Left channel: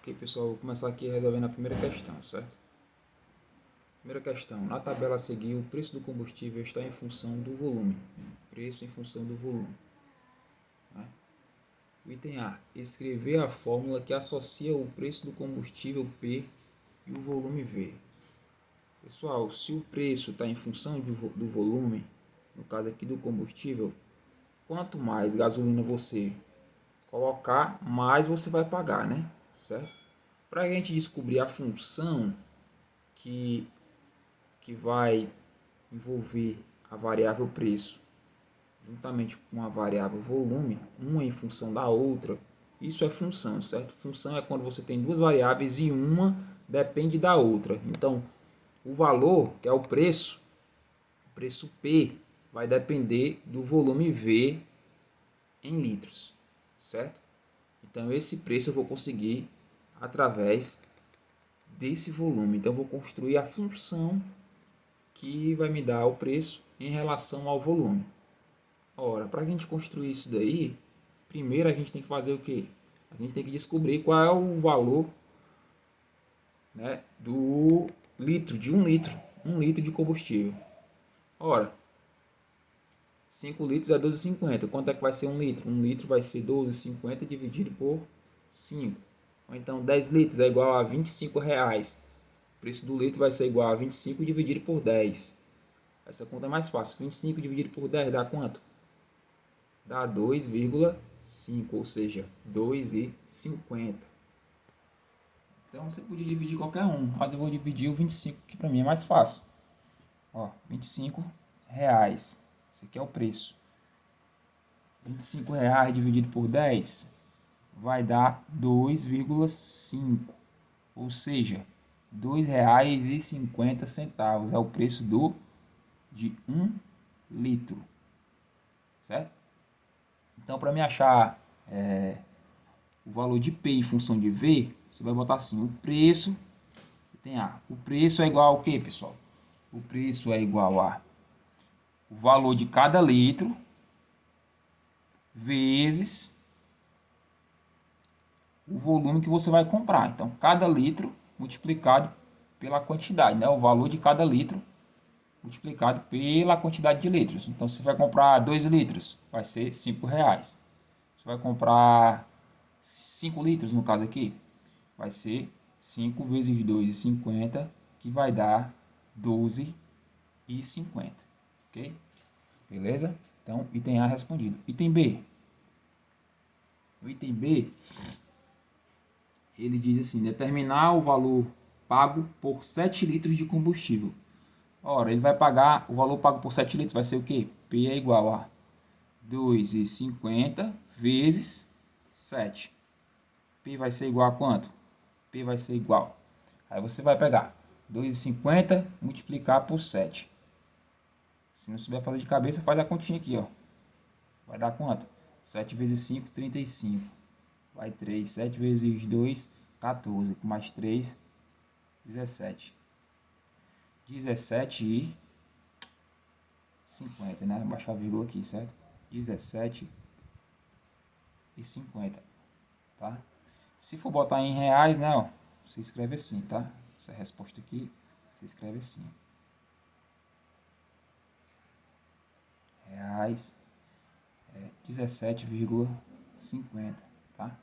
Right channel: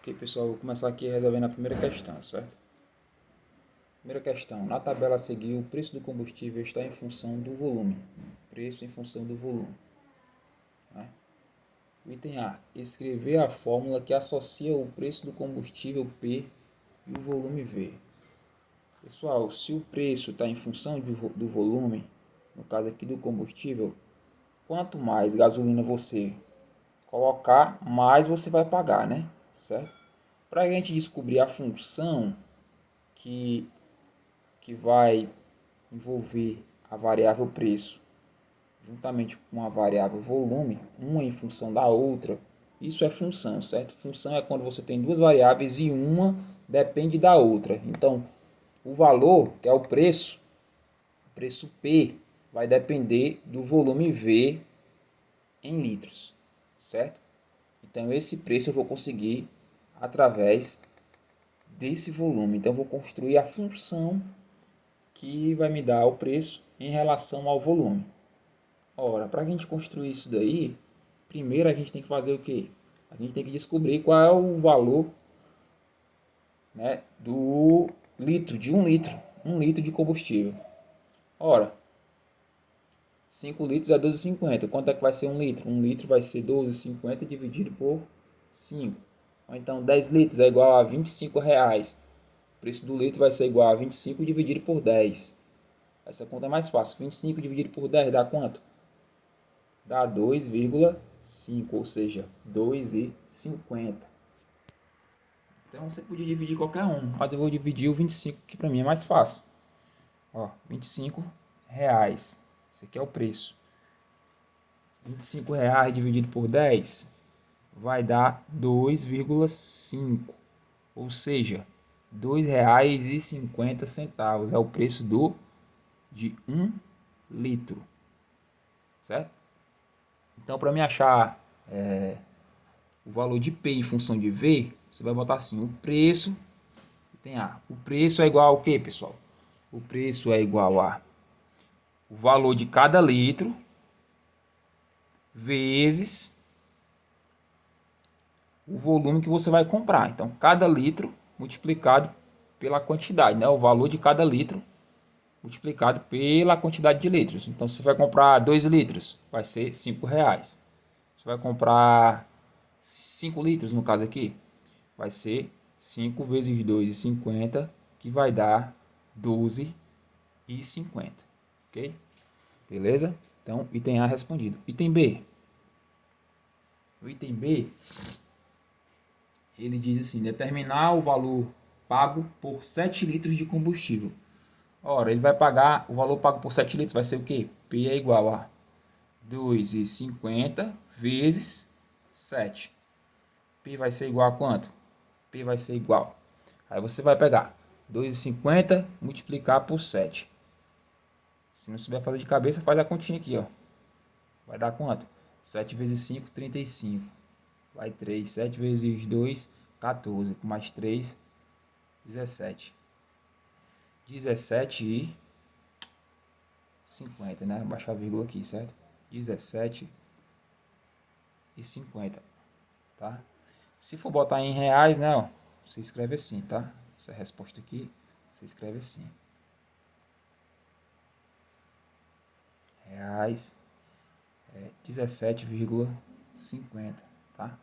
Ok, pessoal, vou começar aqui resolvendo a primeira questão, certo? Primeira questão. Na tabela a seguir, o preço do combustível está em função do volume. Preço em função do volume. Né? O item A. Escrever a fórmula que associa o preço do combustível P e o volume V. Pessoal, se o preço está em função do volume, no caso aqui do combustível, quanto mais gasolina você colocar, mais você vai pagar, né? Certo? Para a gente descobrir a função que vai envolver a variável preço juntamente com a variável volume, uma em função da outra, isso é função, certo? Função é quando você tem duas variáveis e uma depende da outra. Então, o valor, que é o preço P, vai depender do volume V em litros, certo? Então, esse preço eu vou conseguir através desse volume. Então, eu vou construir a função que vai me dar o preço em relação ao volume. Ora, para a gente construir isso daí, primeiro a gente tem que fazer o quê? A gente tem que descobrir qual é o valor, né, do litro, de um litro de combustível. Ora, 5 litros é 12,50. Quanto é que vai ser um litro? Um litro vai ser 12,50 dividido por 5. Ou então 10 litros é igual a 25 reais. O preço do litro vai ser igual a 25 dividido por 10. Essa conta é mais fácil. 25 dividido por 10 dá quanto? Dá 2,5, ou seja, 2,50. Então você podia dividir qualquer um, mas eu vou dividir o 25, que para mim é mais fácil. Ó, 25 reais. Esse aqui é o preço. 25 reais dividido por 10 vai dar 2,5, ou seja, R$ 2,50 é o preço de 1 litro, certo? Então, para me achar o valor de P em função de V, você vai botar assim, o preço, tem A. O preço é igual ao que, pessoal? O preço é igual a o valor de cada litro vezes o volume que você vai comprar. Então, cada litro multiplicado pela quantidade, né? O valor de cada litro multiplicado pela quantidade de litros. Então, se você vai comprar 2 litros, vai ser 5 reais. Você vai comprar 5 litros, no caso aqui, vai ser 5 vezes 2,50, que vai dar 12,50. Ok? Beleza? Então, item A respondido. Item B. O item B, ele diz assim, determinar o valor pago por 7 litros de combustível. Ora, ele vai pagar, o valor pago por 7 litros vai ser o quê? P é igual a 2,50 vezes 7. P vai ser igual a quanto? P vai ser igual. Aí você vai pegar 2,50 multiplicar por 7. Se não souber fazer de cabeça, faz a continha aqui, ó. Vai dar quanto? 7 vezes 5, 35. Vai 3. 7 vezes 2, 14. Com mais 3, 17. 17,50, né? Baixar a vírgula aqui, certo? 17,50, tá? Se for botar em reais, né, ó, você escreve assim, tá? Essa resposta aqui, você escreve assim. Reais é 17,50, tá?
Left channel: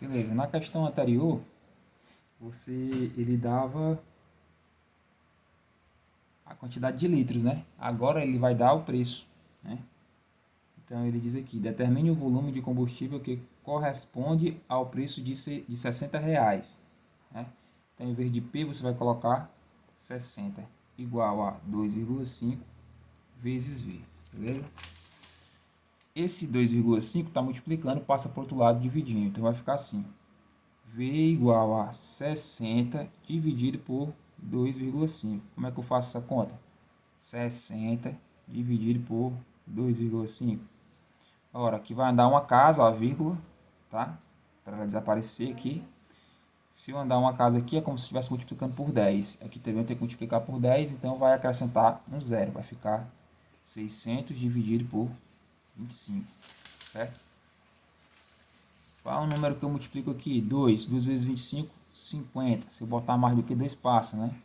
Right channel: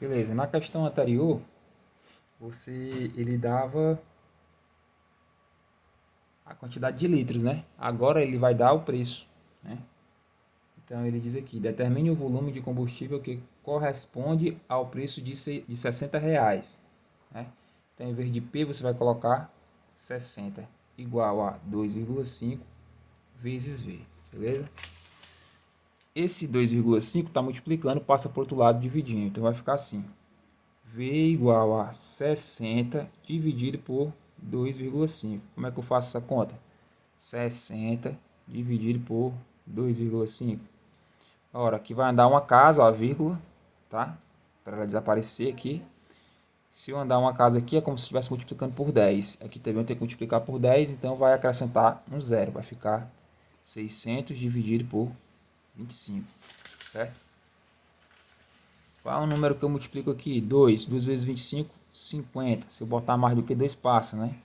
Beleza, na questão anterior, ele dava a quantidade de litros, né? Agora ele vai dar o preço, né? Então ele diz aqui, determine o volume de combustível que corresponde ao preço de 60 reais, né? Então em vez de P você vai colocar 60 igual a 2,5 vezes V, beleza? Esse 2,5 está multiplicando, passa para o outro lado dividindo, então vai ficar assim, V igual a 60 dividido por 2,5. Como é que eu faço essa conta? 60 dividido por 2,5. Ora, aqui vai andar uma casa, ó, a vírgula, tá? Para ela desaparecer aqui. Se eu andar uma casa aqui, é como se estivesse multiplicando por 10. Aqui também eu tenho que multiplicar por 10, então vai acrescentar um zero. Vai ficar 600 dividido por 25, certo? Qual é o número que eu multiplico aqui? 2. 2 vezes 25, 50. Se eu botar mais do que 2 passos, né?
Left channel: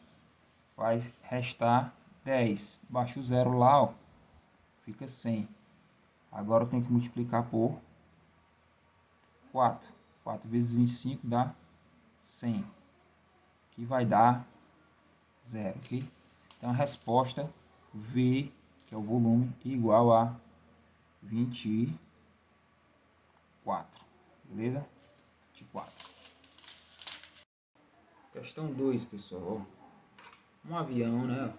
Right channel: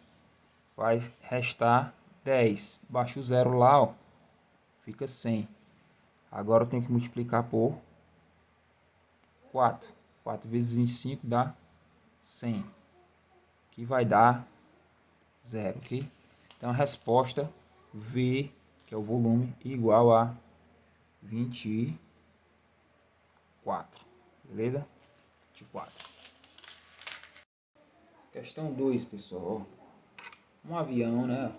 Vai restar 10. Baixa o zero lá, ó. Fica 100. Agora eu tenho que multiplicar por 4. 4 vezes 25 dá 100. Que vai dar 0, ok? Então a resposta V, que é o volume, igual a 24. Beleza? 24. Questão 2, pessoal. Um avião, né?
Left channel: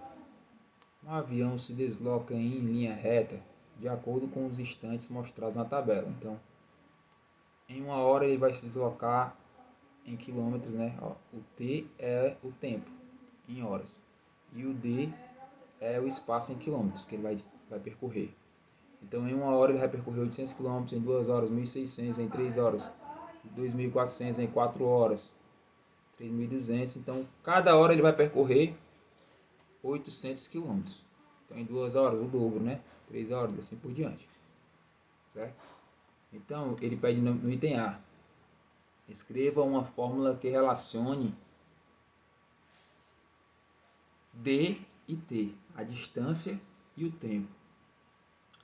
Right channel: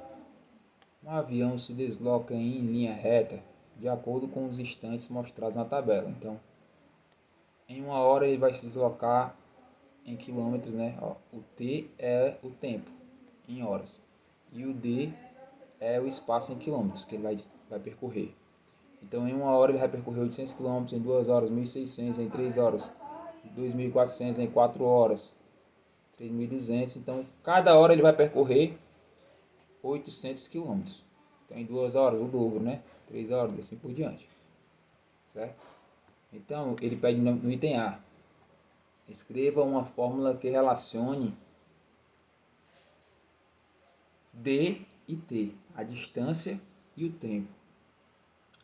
Um avião se desloca em linha reta de acordo com os instantes mostrados na tabela. Então, em uma hora ele vai se deslocar em quilômetros, né? Ó, o T é o tempo em horas e o D é o espaço em quilômetros que ele vai percorrer. Então, em uma hora ele vai percorrer 800 quilômetros, em 2 horas 1.600, em 3 horas 2.400, em 4 horas 3.200. Então, cada hora ele vai percorrer 800 quilômetros. Então, em 2 horas o dobro, né? 3 horas, assim por diante. Certo? Então, ele pede no item A: escreva uma fórmula que relacione D e T, a distância e o tempo.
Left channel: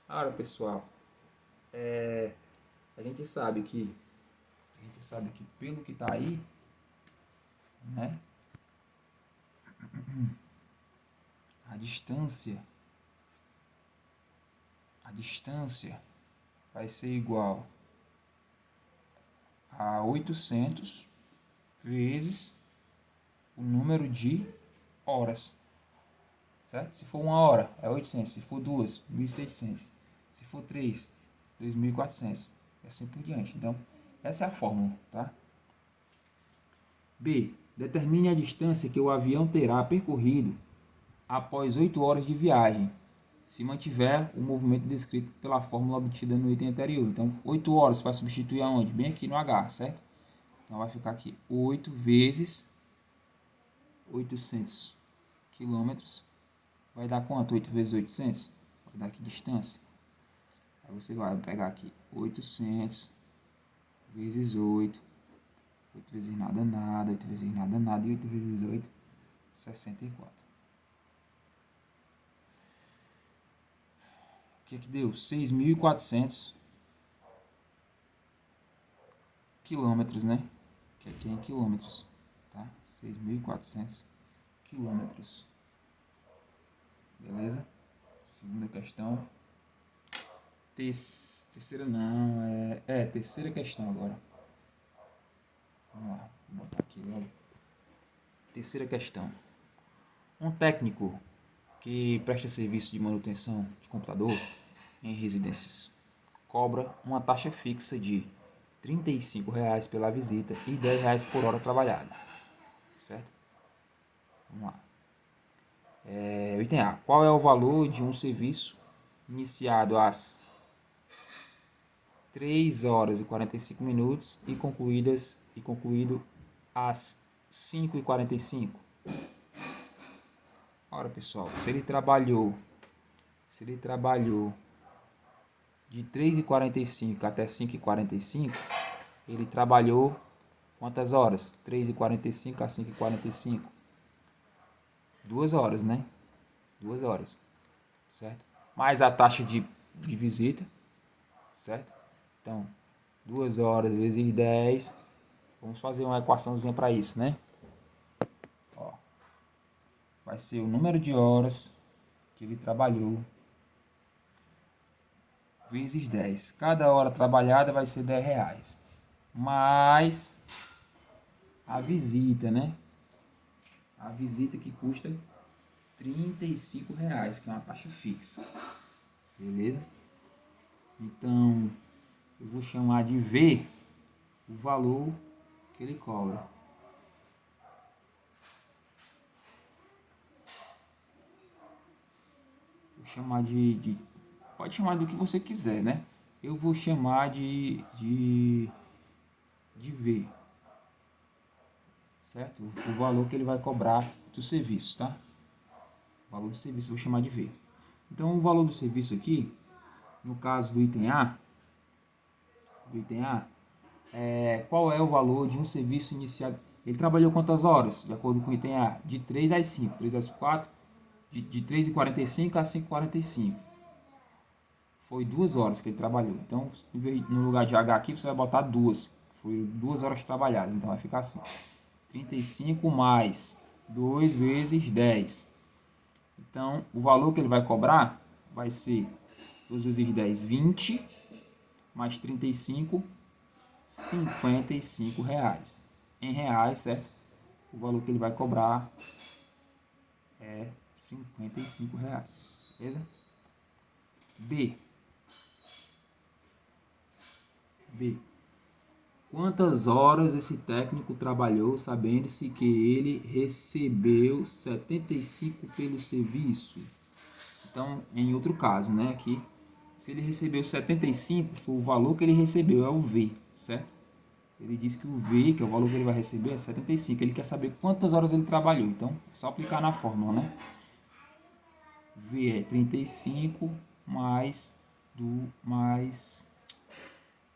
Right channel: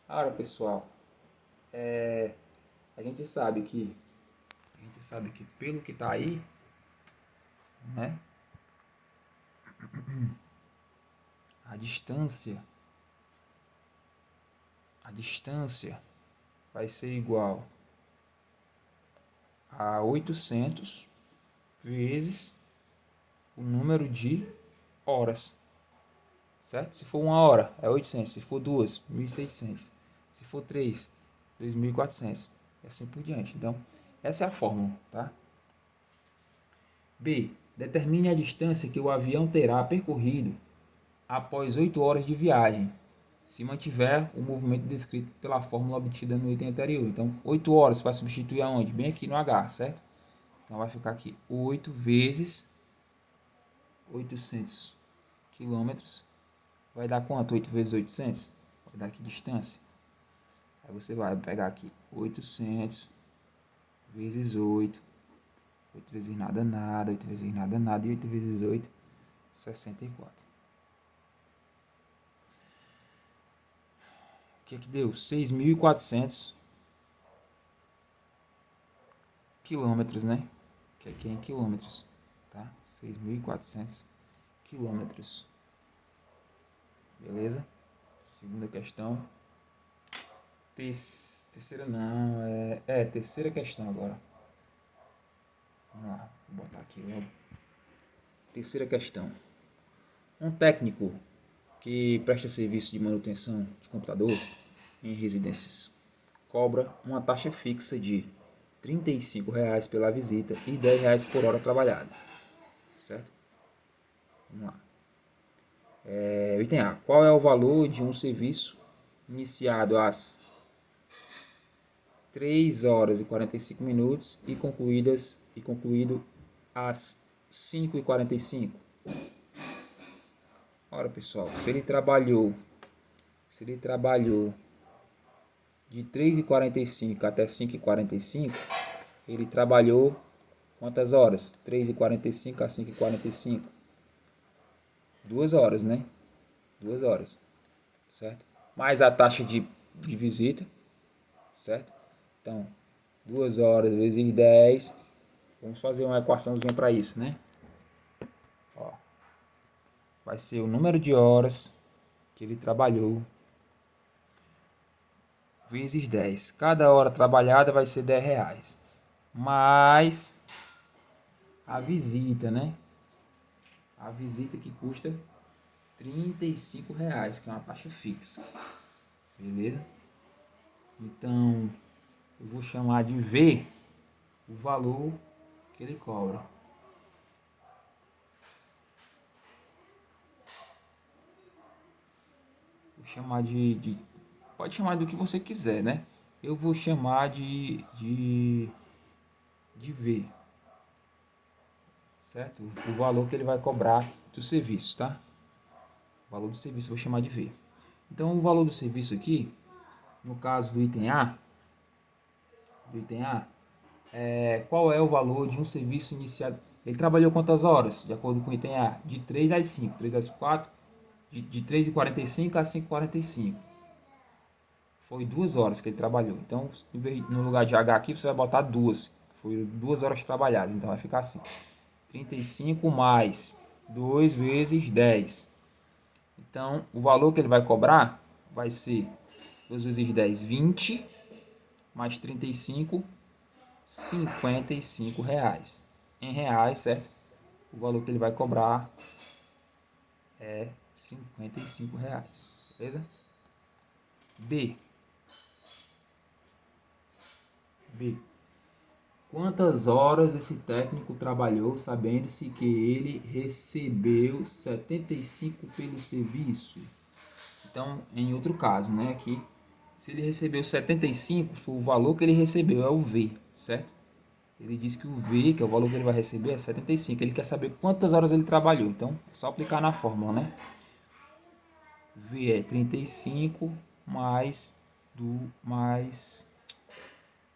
Ora, pessoal, a gente sabe que pelo que está aí, né? A distância vai ser igual a 800 vezes o número de horas, certo? Se for uma hora, é 800. Se for duas, 1.600. Se for três, 2.400. E assim por diante. Então, essa é a fórmula, tá? B. Determine a distância que o avião terá percorrido após 8 horas de viagem, se mantiver o movimento descrito pela fórmula obtida no item anterior. Então, 8 horas vai substituir aonde? Bem aqui no H, certo? Então, vai ficar aqui 8 vezes 800 quilômetros. Vai dar quanto? 8 vezes 800? Vai dar aqui distância. Aí você vai pegar aqui 800 vezes 8. 8 vezes nada, nada. 8 vezes nada, nada. E 8 vezes 8, 64. O que deu? 6.400 quilômetros, né? Que aqui é em quilômetros, tá? 6.400 quilômetros. Beleza? Segunda questão. Terceira não, terceira questão agora. Vamos lá, vou botar aqui logo. Terceira questão. Um técnico que presta serviço de manutenção de computador em residências cobra uma taxa fixa de R$ 35,00 pela visita e R$ 10,00 por hora trabalhada. Certo? Vamos lá. Item A. Qual é o valor de um serviço iniciado às 3 horas e 45 minutos e concluído às 5h45? Ora, pessoal, se ele trabalhou de 3h45 até 5h45, ele trabalhou quantas horas? 3h45 a 5h45. 2 horas, né? 2 horas, certo? Mais a taxa de visita, certo? Então, 2 horas vezes 10. Vamos fazer uma equaçãozinha para isso, né? Ó, vai ser o número de horas que ele trabalhou vezes 10. Cada hora trabalhada vai ser R$ 10,00. Mais a visita, né? A visita que custa R$ 35,00, que é uma taxa fixa. Beleza? Então, eu vou chamar de V o valor que ele cobra. Vou chamar pode chamar do que você quiser, né? Eu vou chamar de V, certo? O valor que ele vai cobrar do serviço, tá? O valor do serviço eu vou chamar de V. Então, o valor do serviço aqui, no caso do item A, Qual é o valor de um serviço iniciado? Ele trabalhou quantas horas? De acordo com o item A, de 3 às 5, 3 às 4, de 3h45 a 5h45. Foi 2 horas que ele trabalhou. Então, no lugar de H aqui, você vai botar 2. Foi 2 horas trabalhadas. Então, vai ficar assim. 35 mais 2 vezes 10. Então, o valor que ele vai cobrar vai ser 2 vezes 10, 20. Mais 35, 55 reais. Em reais, certo? O valor que ele vai cobrar é 55 reais. Beleza? B. Quantas horas esse técnico trabalhou, sabendo-se que ele recebeu 75 pelo serviço? Então, em outro caso, né? Aqui, se ele recebeu 75, foi o valor que ele recebeu, é o V, certo? Ele diz que o V, que é o valor que ele vai receber, é 75. Ele quer saber quantas horas ele trabalhou. Então, é só aplicar na fórmula, né? V é 35 mais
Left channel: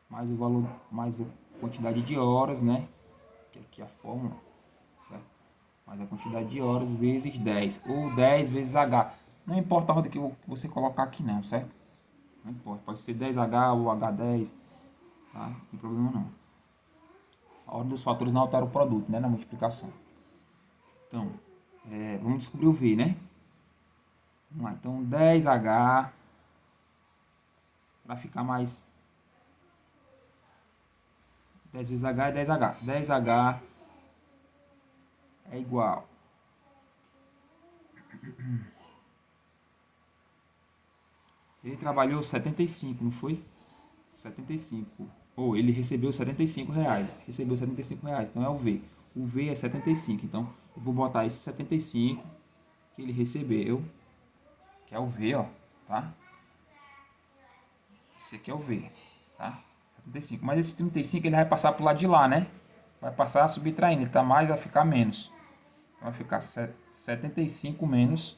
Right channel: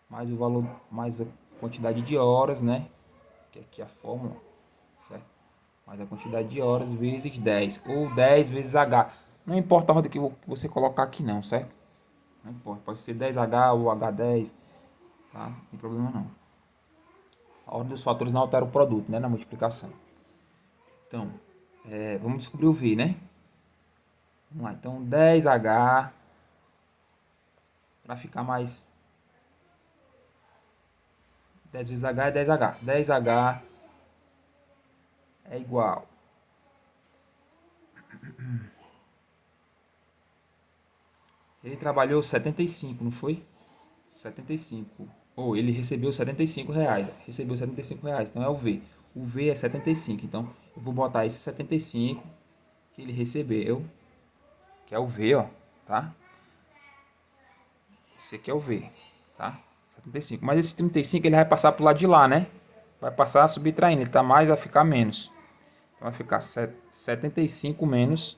mais o valor, mais a quantidade de horas, né? Que aqui é a fórmula, certo? Mais a quantidade de horas vezes 10, ou 10 vezes H. Não importa a ordem que você colocar aqui não, certo? Não importa, pode ser 10H ou H10, tá? Não tem problema não. A ordem dos fatores não altera o produto, né? Na multiplicação. Então, vamos descobrir o V, né? Vamos lá, então 10H, para ficar mais 10 vezes H é 10H. 10H é igual. Ele trabalhou 75, não foi? 75. Ou ele recebeu 75 reais. Recebeu 75 reais, então é o V. O V é 75, então eu vou botar esse 75 que ele recebeu, que é o V, ó, tá? Esse aqui é o V, tá? 75. Mas esse 35 ele vai passar pro lado de lá, né? Vai passar subtraindo, ele tá mais, vai ficar menos. Então vai ficar 75 menos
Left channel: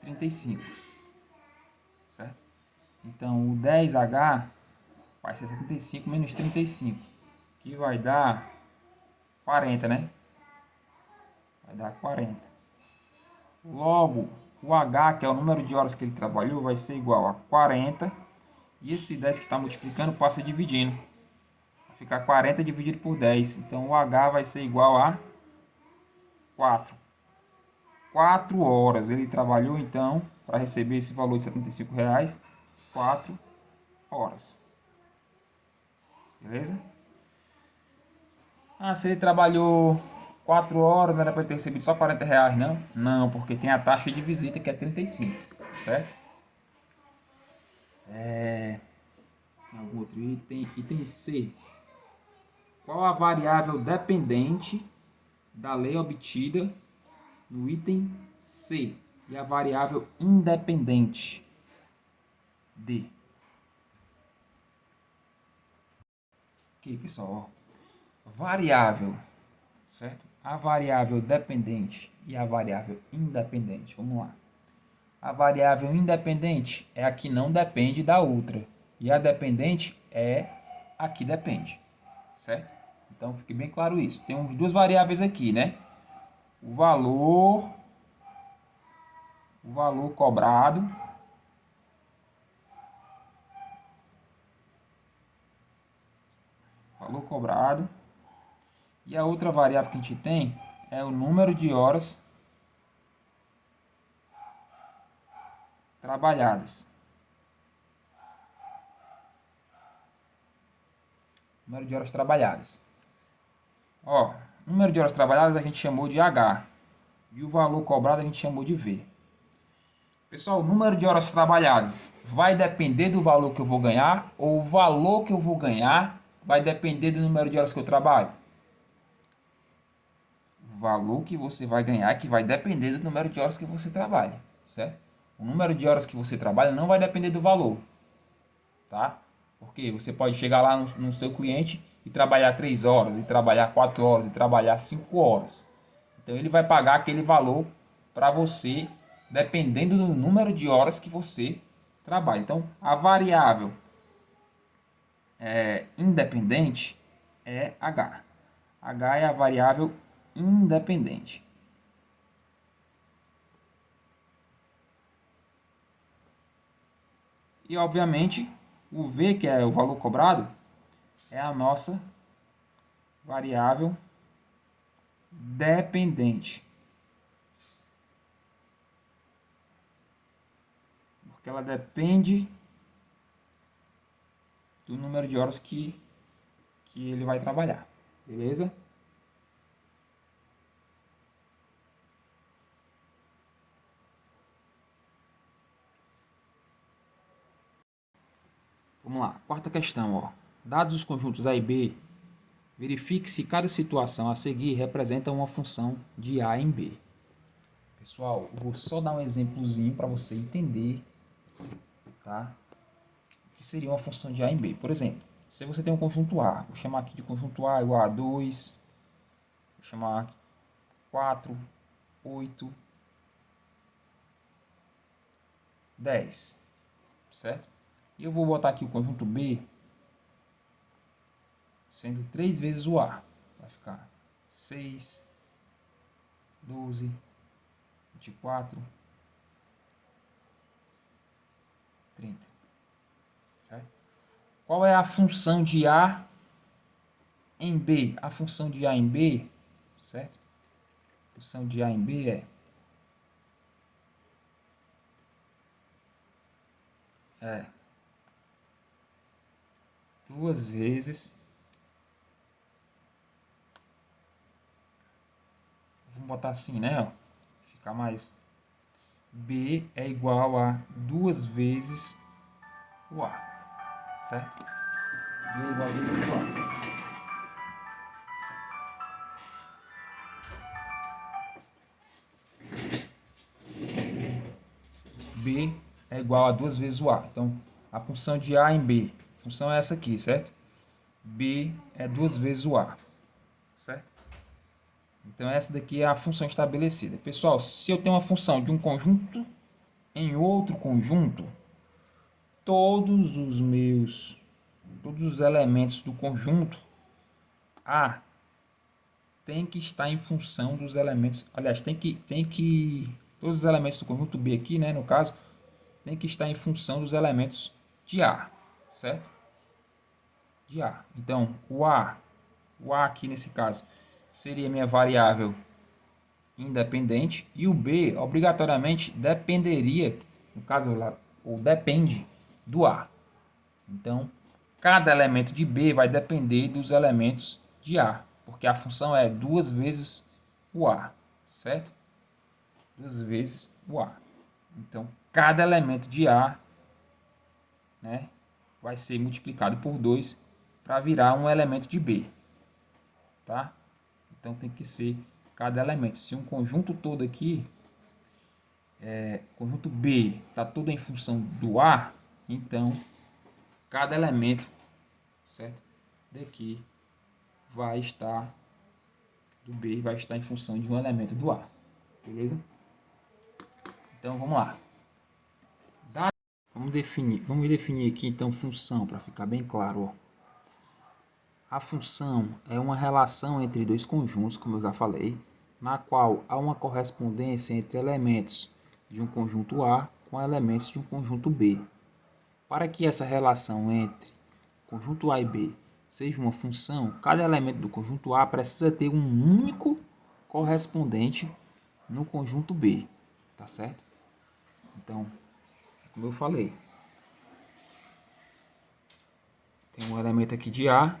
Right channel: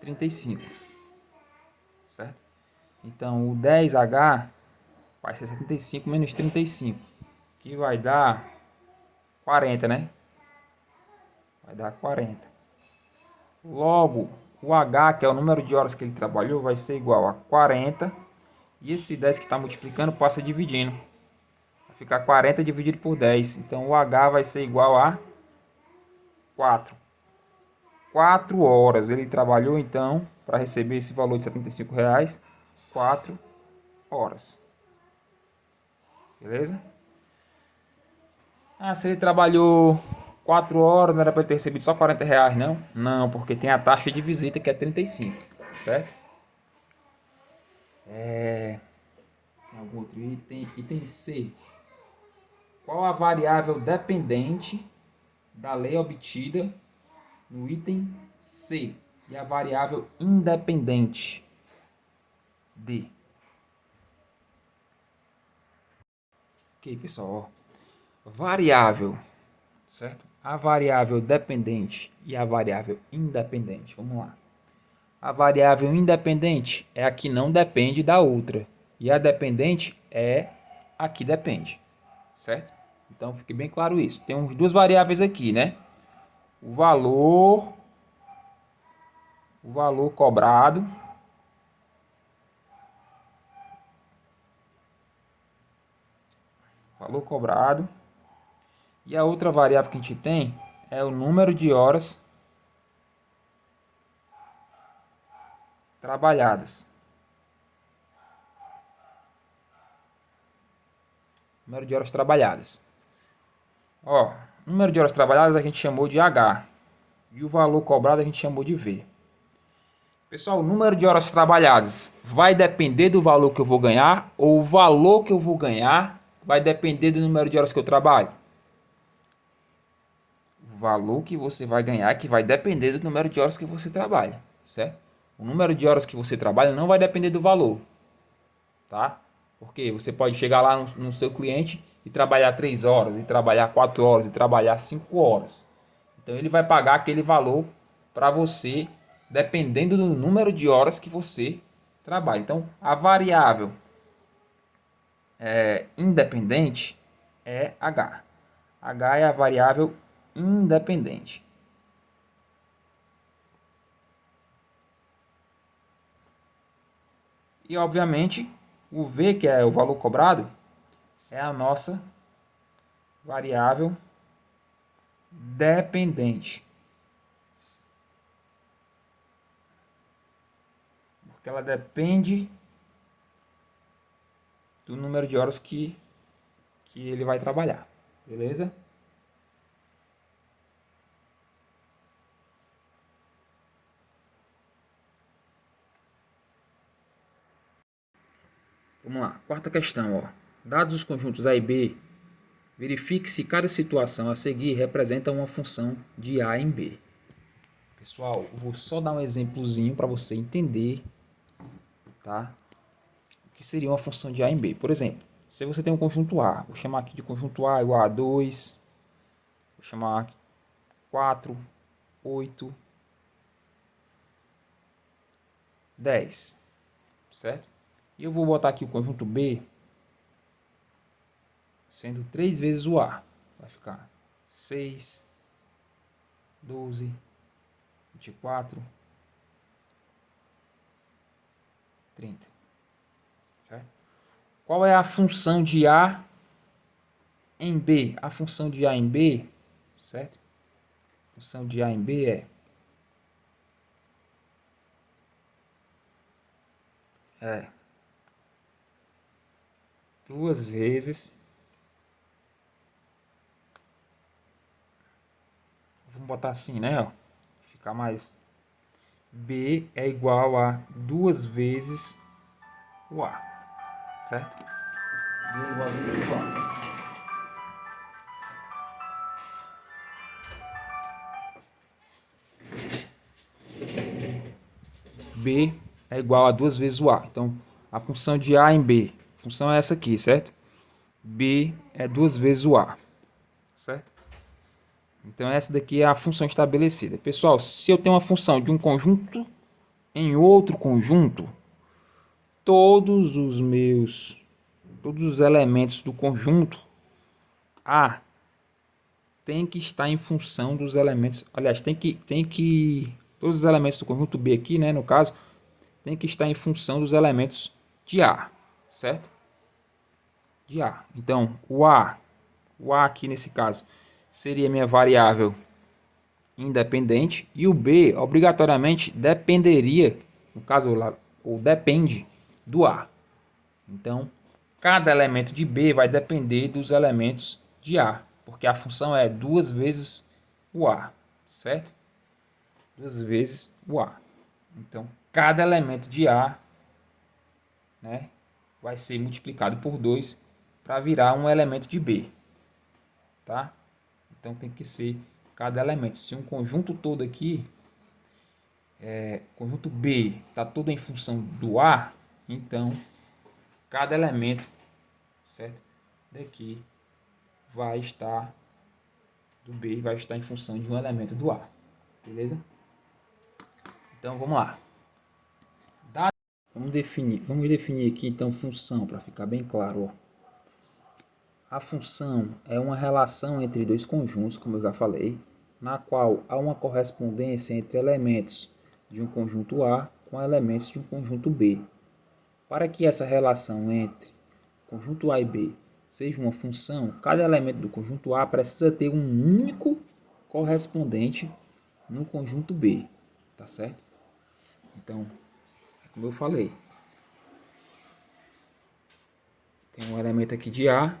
35, certo? Então o 10H vai ser 75 menos 35, que vai dar 40, né? Vai dar 40. Logo, o H, que é o número de horas que ele trabalhou, vai ser igual a 40. E esse 10 que está multiplicando passa dividindo. Vai ficar 40 dividido por 10. Então o H vai ser igual a 4. 4 horas ele trabalhou, então, para receber esse valor de 75 reais. 4 horas. Beleza? Ah, se ele trabalhou 4 horas, não era para ele ter recebido só 40 reais, não? Não, porque tem a taxa de visita que é 35, certo? Tem algum outro item? Item C. Qual a variável dependente da lei obtida no item C? E a variável independente? D. Ok, pessoal. Ó. Variável, certo? A variável dependente e a variável independente. Vamos lá. A variável independente é a que não depende da outra. E a dependente é a que depende, certo? Então, fique bem claro isso. Tem duas variáveis aqui, né? O valor cobrado, e a outra variável que a gente tem é o número de horas trabalhadas. Número de horas trabalhadas. Ó, número de horas trabalhadas a gente chamou de H. E o valor cobrado a gente chamou de V. Pessoal, o número de horas trabalhadas vai depender do valor que eu vou ganhar, ou o valor que eu vou ganhar vai depender do número de horas que eu trabalho? O valor que você vai ganhar é que vai depender do número de horas que você trabalha, certo? O número de horas que você trabalha não vai depender do valor, tá? Porque você pode chegar lá no seu cliente e trabalhar 3 horas, e trabalhar 4 horas, e trabalhar 5 horas. Então ele vai pagar aquele valor para você, dependendo do número de horas que você trabalha. Então a variável independente é H. H é a variável independente. E, obviamente, o V, que é o valor cobrado, é a nossa variável dependente. Porque ela depende do número de horas que ele vai trabalhar. Beleza? Vamos lá. Quarta questão, ó. Dados os conjuntos A e B, verifique se cada situação a seguir representa uma função de A em B. Pessoal, eu vou só dar um exemplozinho para você entender, tá? O que seria uma função de A em B. Por exemplo, se você tem um conjunto A, vou chamar aqui de conjunto A igual a 2, vou chamar aqui 4, 8, 10, certo? E eu vou botar aqui o conjunto B sendo 3 vezes o A. Vai ficar 6, 12, 24, 30. Certo? Qual é a função de A em B? A função de A em B, certo? A função de A em B é 2 vezes. Vamos botar assim, né? Ó, ficar mais. B é igual a 2 vezes o A, certo? B é igual a 2 vezes o A. B é igual a 2 vezes o A. Então, a função de A em B, a função é essa aqui, certo? B é 2 vezes o A, certo? Então, essa daqui é a função estabelecida. Pessoal, se eu tenho uma função de um conjunto em outro conjunto, todos os elementos do conjunto A tem que estar em função dos elementos, aliás, todos os elementos do conjunto B aqui, né, no caso, tem que estar em função dos elementos de A, certo? De A. Então, o A aqui nesse caso seria minha variável independente e o B obrigatoriamente dependeria, no caso lá, ou depende do A. Então, cada elemento de B vai depender dos elementos de A, porque a função é 2 vezes o A, certo? 2 vezes o A. Então, cada elemento de A, né, vai ser multiplicado por 2 para virar um elemento de B, tá? Então, tem que ser cada elemento. Se um conjunto todo aqui, conjunto B, está todo em função do A, então, cada elemento, certo? Daqui vai estar do B vai estar em função de um elemento do A. Beleza? Então vamos lá. Vamos definir aqui então função para ficar bem claro. Ó. A função é uma relação entre dois conjuntos, como eu já falei, na qual há uma correspondência entre elementos de um conjunto A com elementos de um conjunto B. Para que essa relação entre conjunto A e B seja uma função, cada elemento do conjunto A precisa ter um único correspondente no conjunto B, tá certo? Então, como eu falei, tem um elemento aqui de A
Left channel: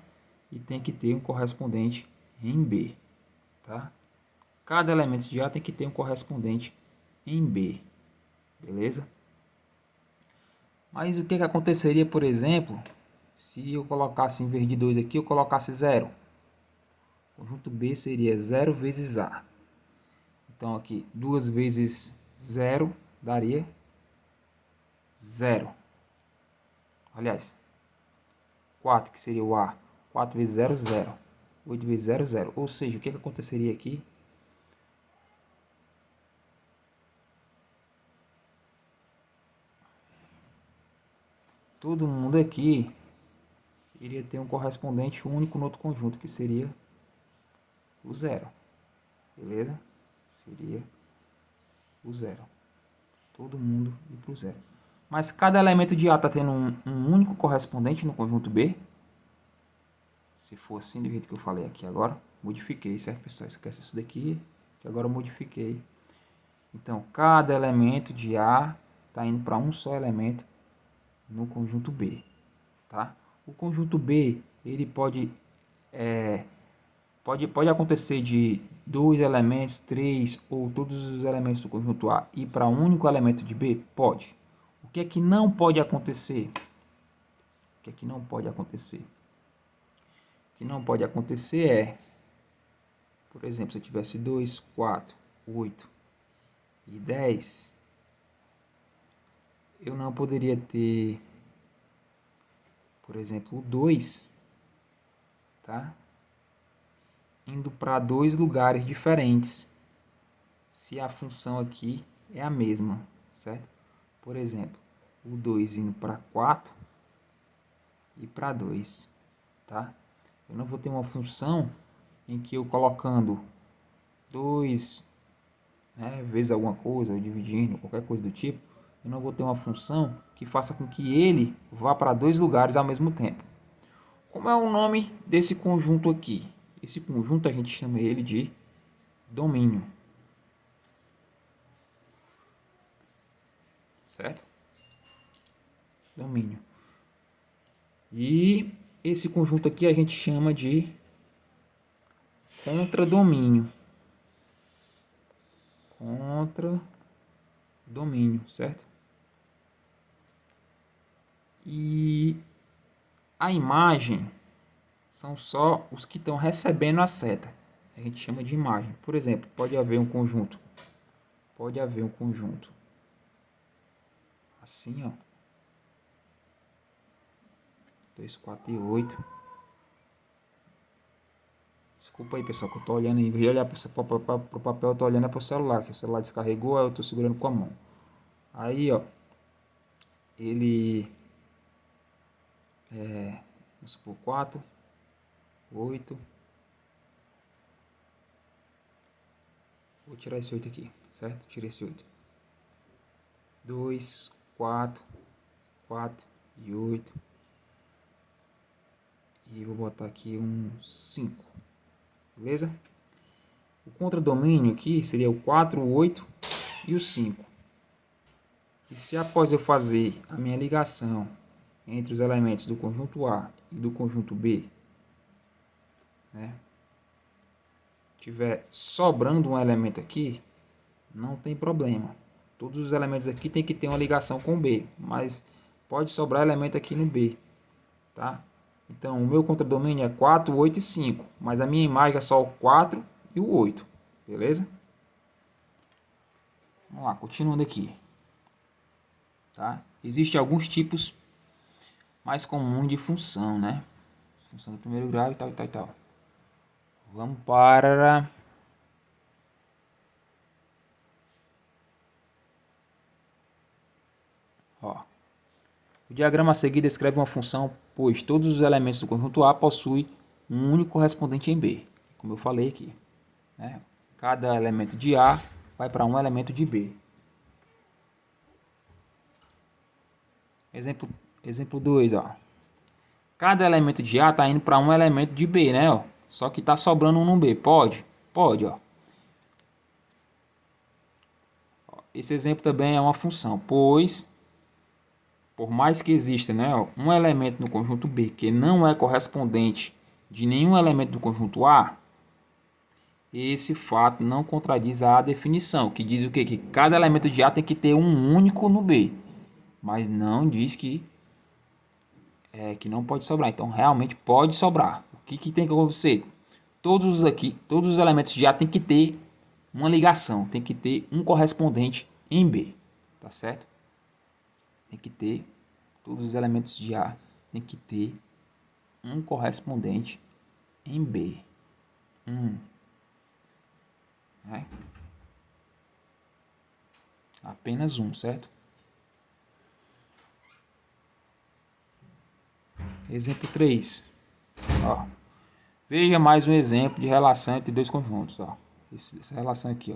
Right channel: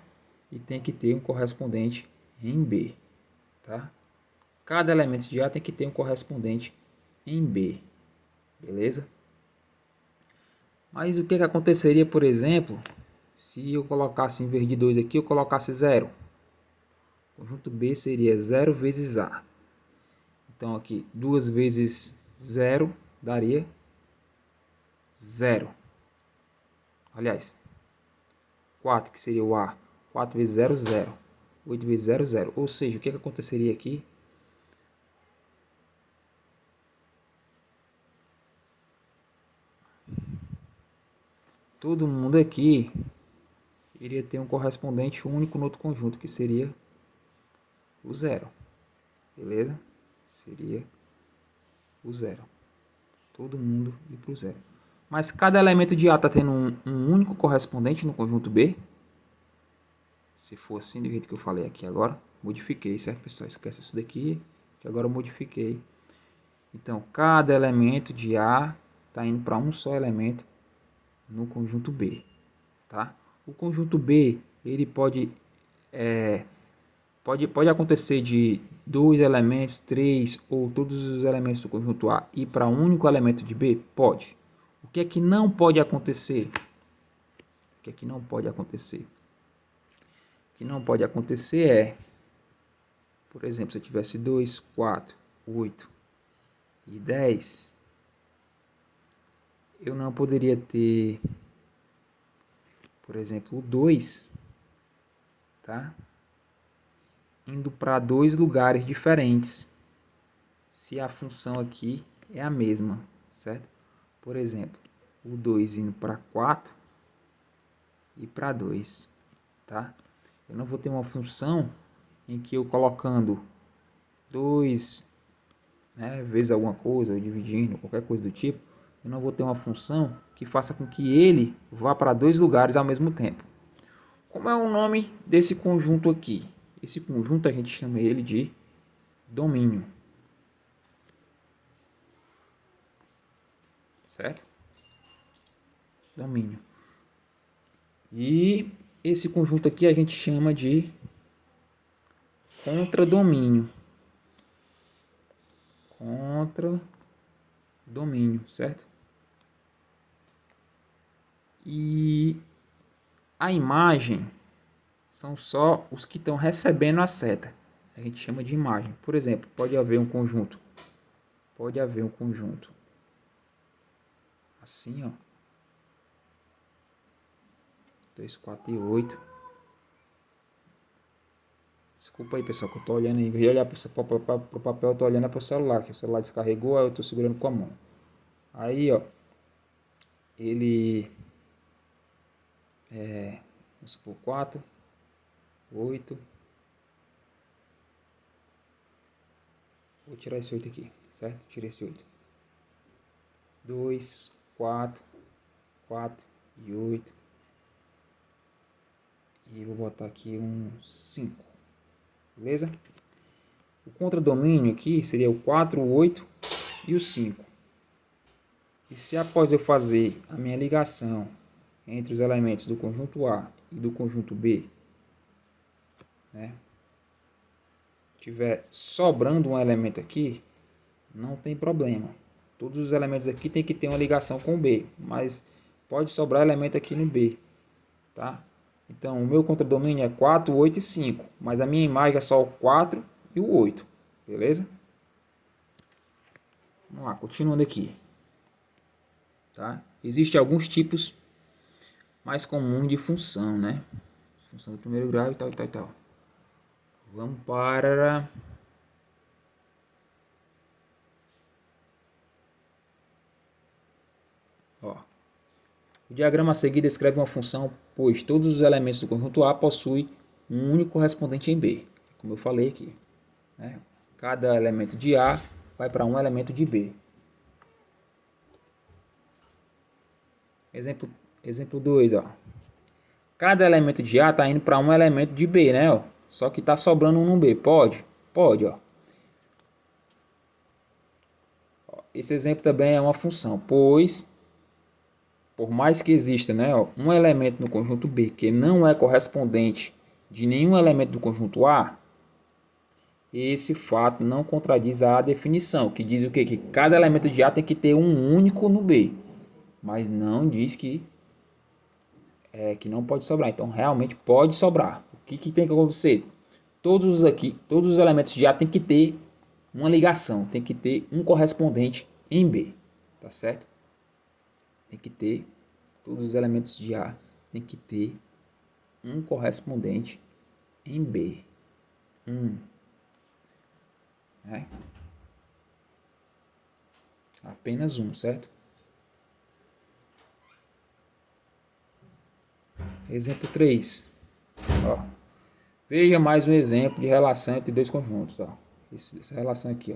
e tem que ter um correspondente em B, tá? Cada elemento de A tem que ter um correspondente em B, beleza? Mas o que aconteceria, por exemplo, se eu colocasse em vez de 2 aqui, eu colocasse 0? Conjunto B seria 0 vezes A. Então aqui 2 vezes 0 daria 0. Aliás, 4 que seria o A. 4 vezes 0, 0. 8 vezes 0, 0. Ou seja, o que aconteceria aqui? Todo mundo aqui iria ter um correspondente único no outro conjunto, que seria o 0. Beleza? Seria o 0. Todo mundo ir para o 0. Mas cada elemento de A está tendo um único correspondente no conjunto B. Se for assim, do jeito que eu falei aqui agora, modifiquei, certo, pessoal? Esquece isso daqui, que agora eu modifiquei. Então, cada elemento de A está indo para um só elemento no conjunto B, tá? O conjunto B, ele pode acontecer de 2 elementos, 3 ou todos os elementos do conjunto A ir para um único elemento de B? Pode. O que é que não pode acontecer? O que é que não pode acontecer? O que não pode acontecer é, por exemplo, se eu tivesse 2, 4, 8 e 10, eu não poderia ter, por exemplo, o 2, tá? Indo para dois lugares diferentes, se a função aqui é a mesma, certo? Por exemplo, o 2 indo para 4 e para 2, tá? Eu não vou ter uma função em que eu colocando 2, né, vezes alguma coisa, ou dividindo, qualquer coisa do tipo, eu não vou ter uma função que faça com que ele vá para dois lugares ao mesmo tempo. Como é o nome desse conjunto aqui? Esse conjunto a gente chama ele de domínio. Certo? Domínio. E esse conjunto aqui a gente chama de contradomínio. Contradomínio, certo? E a imagem são só os que estão recebendo a seta. A gente chama de imagem. Por exemplo, pode haver um conjunto. Pode haver um conjunto. Assim, ó. 2, 4 e 8. Desculpa aí, pessoal, que eu tô olhando aí. Em vez de olhar pro papel, eu tô olhando pro celular, que o celular descarregou, aí eu tô segurando com a mão. Aí, ó. Ele vamos supor 4, 8. Vou tirar esse 8 aqui, certo? Tirei esse 8. 2, 4, 4 e 8. E vou botar aqui um 5. Beleza? O contradomínio aqui seria o 4, o 8 e o 5. E se após eu fazer a minha ligação entre os elementos do conjunto A e do conjunto B, né, tiver sobrando um elemento aqui, não tem problema. Todos os elementos aqui tem que ter uma ligação com o B, mas pode sobrar elemento aqui no B, tá? Então, o meu contradomínio é 4, 8 e 5, mas a minha imagem é só o 4 e o 8, beleza? Vamos lá, continuando aqui. Tá? Existem alguns tipos mais comuns de função, né? Função do primeiro grau e tal, e tal, e tal. Vamos para... Ó. O diagrama a seguir descreve uma função, pois todos os elementos do conjunto A possuem um único correspondente em B, como eu falei aqui, né? Cada elemento de A vai para um elemento de B. Exemplo 2, ó. Cada elemento de A está indo para um elemento de B, né? Ó. Só que está sobrando um no B. Pode? Pode, ó. Esse exemplo também é uma função, pois, por mais que exista, né, ó, um elemento no conjunto B que não é correspondente de nenhum elemento do conjunto A, esse fato não contradiz a definição, que diz o quê? Que cada elemento de A tem que ter um único no B, mas não diz que não pode sobrar. Então, realmente pode sobrar. O que tem que acontecer? Todos os elementos de A tem que ter uma ligação, tem que ter um correspondente em B, tá certo? Tem que ter, todos os elementos de A tem que ter um correspondente em B. Né? Apenas um, certo? Exemplo 3. Ó. Veja mais um exemplo de relação entre dois conjuntos. Ó. Essa relação aqui.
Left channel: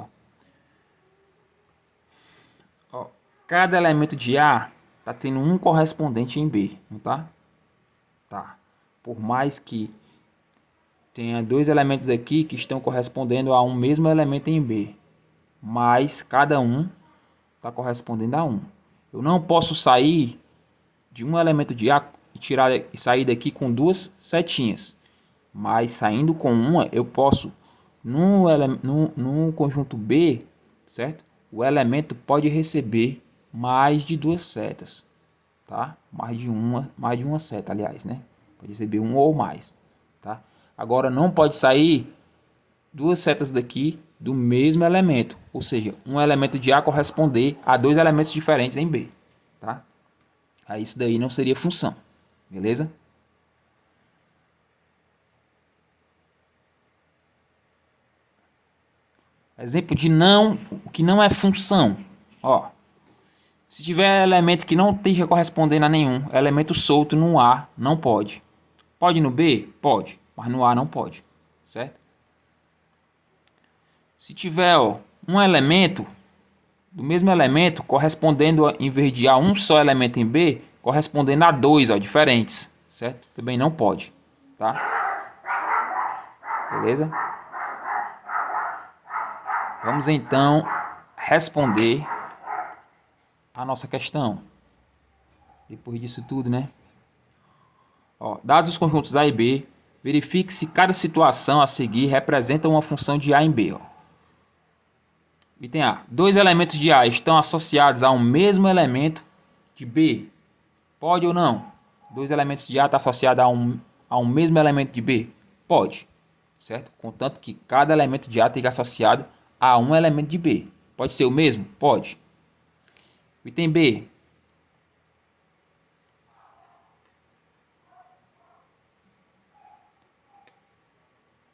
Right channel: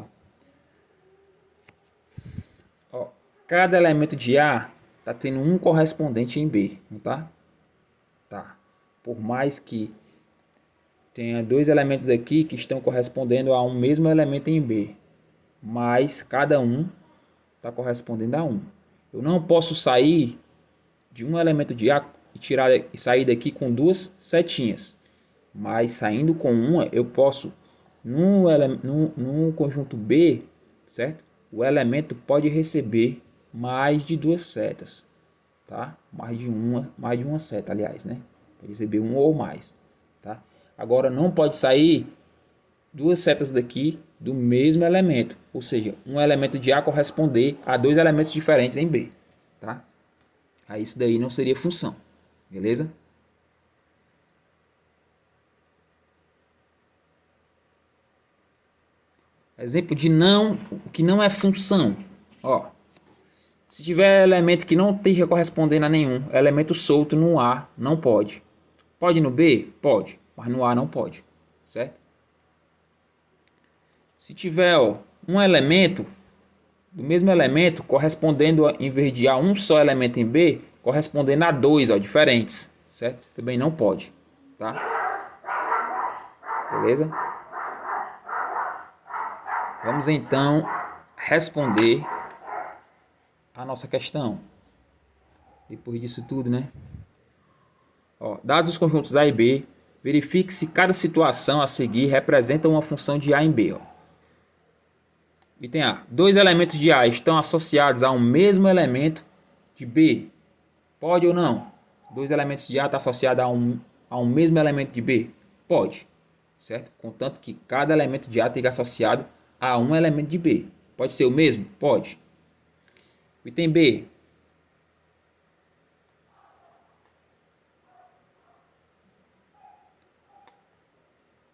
Ó. Cada elemento de A está tendo um correspondente em B. Não tá? Tá. Por mais que tenha dois elementos aqui que estão correspondendo a um mesmo elemento em B. Mas cada um está correspondendo a um. Eu não posso sair de um elemento de A e sair daqui com duas setinhas. Mas saindo com uma, eu posso, no conjunto B, certo? O elemento pode receber mais de duas setas, tá? Mais de uma seta, aliás, né? Pode receber um ou mais, tá? Agora não pode sair duas setas daqui do mesmo elemento, ou seja, um elemento de A corresponder a dois elementos diferentes em B, tá? Aí isso daí não seria função, beleza? Exemplo de que não é função. Ó, se tiver elemento que não esteja correspondendo a nenhum, elemento solto no A não pode. Pode no B? Pode, mas no A não pode, certo? Se tiver um elemento, do mesmo elemento, correspondendo em vez de a um só elemento em B, correspondendo a dois diferentes, certo? Também não pode, tá? Beleza? Vamos então responder a nossa questão. Depois disso tudo, né? Ó, dados os conjuntos A e B, verifique se cada situação a seguir representa uma função de A em B. Ó. Item A. Dois elementos de A estão associados a um mesmo elemento de B. Pode ou não? Dois elementos de A estão associados a um mesmo elemento de B? Pode. Certo? Contanto que cada elemento de A esteja associado a um elemento de B. Pode ser o mesmo? Pode. Item B.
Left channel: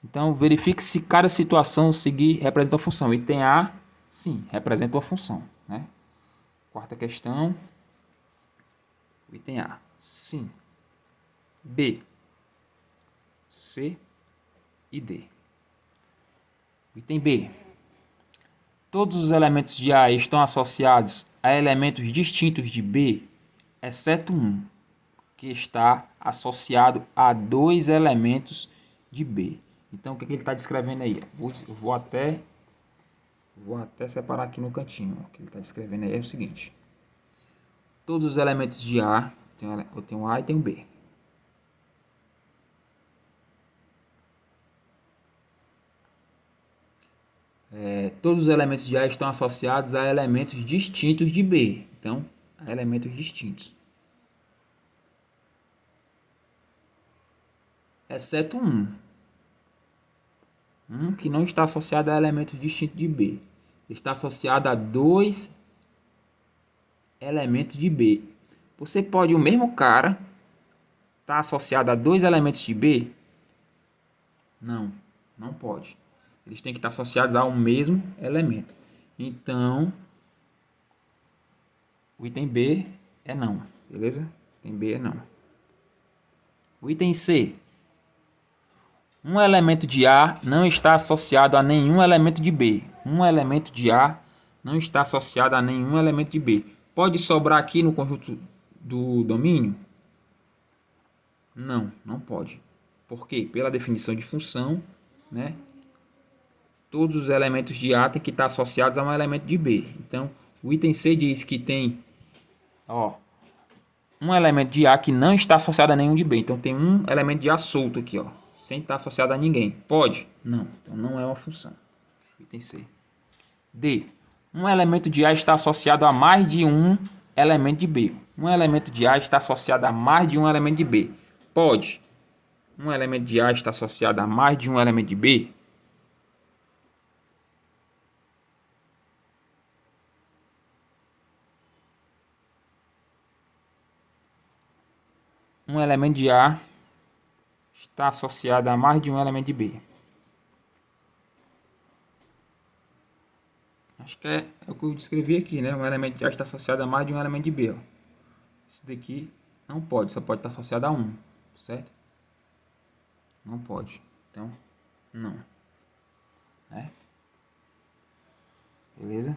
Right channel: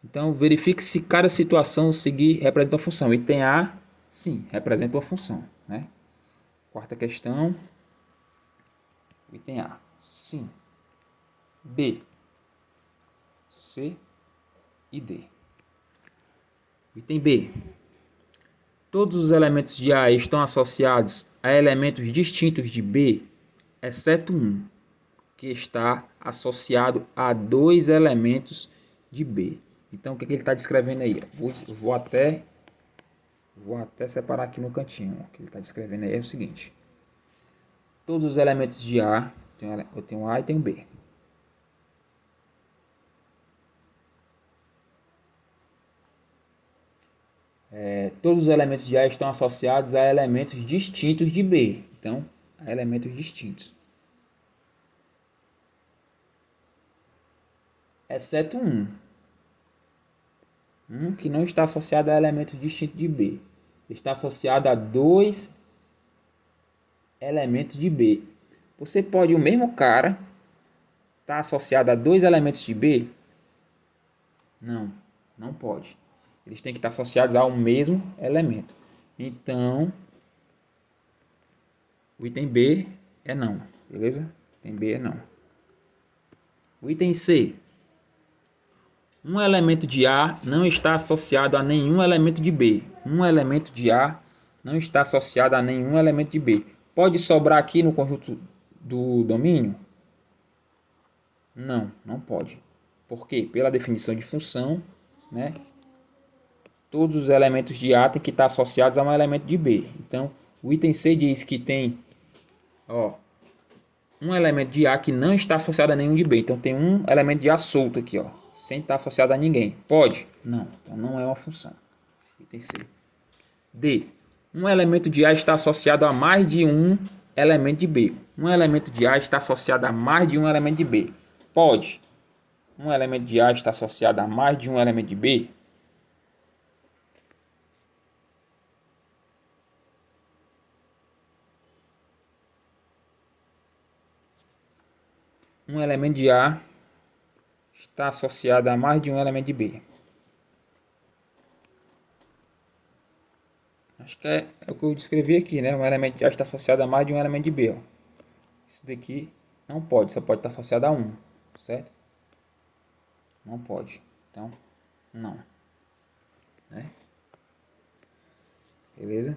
Então, verifique se cada situação seguir representa uma função. Item A, sim, representa uma função. Né? Quarta questão. Item A, sim. B, C e D. Item B. Todos os elementos de A estão associados a elementos distintos de B, exceto um, que está associado a dois elementos de B. Então, o que ele está descrevendo aí? Eu vou até separar aqui no cantinho. O que ele está descrevendo aí é o seguinte. Todos os elementos de A, eu tenho um A e tenho um B. Todos os elementos de A estão associados a elementos distintos de B. Então, a elementos distintos. Exceto um. Um que não está associado a elementos distintos de B. Está associado a dois elementos de B. Você pode, o mesmo cara, estar associado a dois elementos de B? Não, não pode. Eles têm que estar associados ao mesmo elemento. Então, o item B é não, beleza? O item B é não. O item C. Um elemento de A não está associado a nenhum elemento de B. Um elemento de A não está associado a nenhum elemento de B. Pode sobrar aqui no conjunto do domínio? Não, não pode. Por quê? Pela definição de função, né? Todos os elementos de A têm que estar associados a um elemento de B. Então, o item C diz que tem um elemento de A que não está associado a nenhum de B. Então, tem um elemento de A solto aqui, sem estar associado a ninguém. Pode? Não. Então, não é uma função. Item C. D. Um elemento de A está associado a mais de um elemento de B. Um elemento de A está associado a mais de um elemento de B. Pode. Um elemento de A está associado a mais de um elemento de B? Um elemento de A está associado a mais de um elemento de B. Acho que é o que eu descrevi aqui, né? Um elemento de A está associado a mais de um elemento de B. Esse daqui não pode, só pode estar associado a um. certo? Não pode. Então, não. Né? Beleza?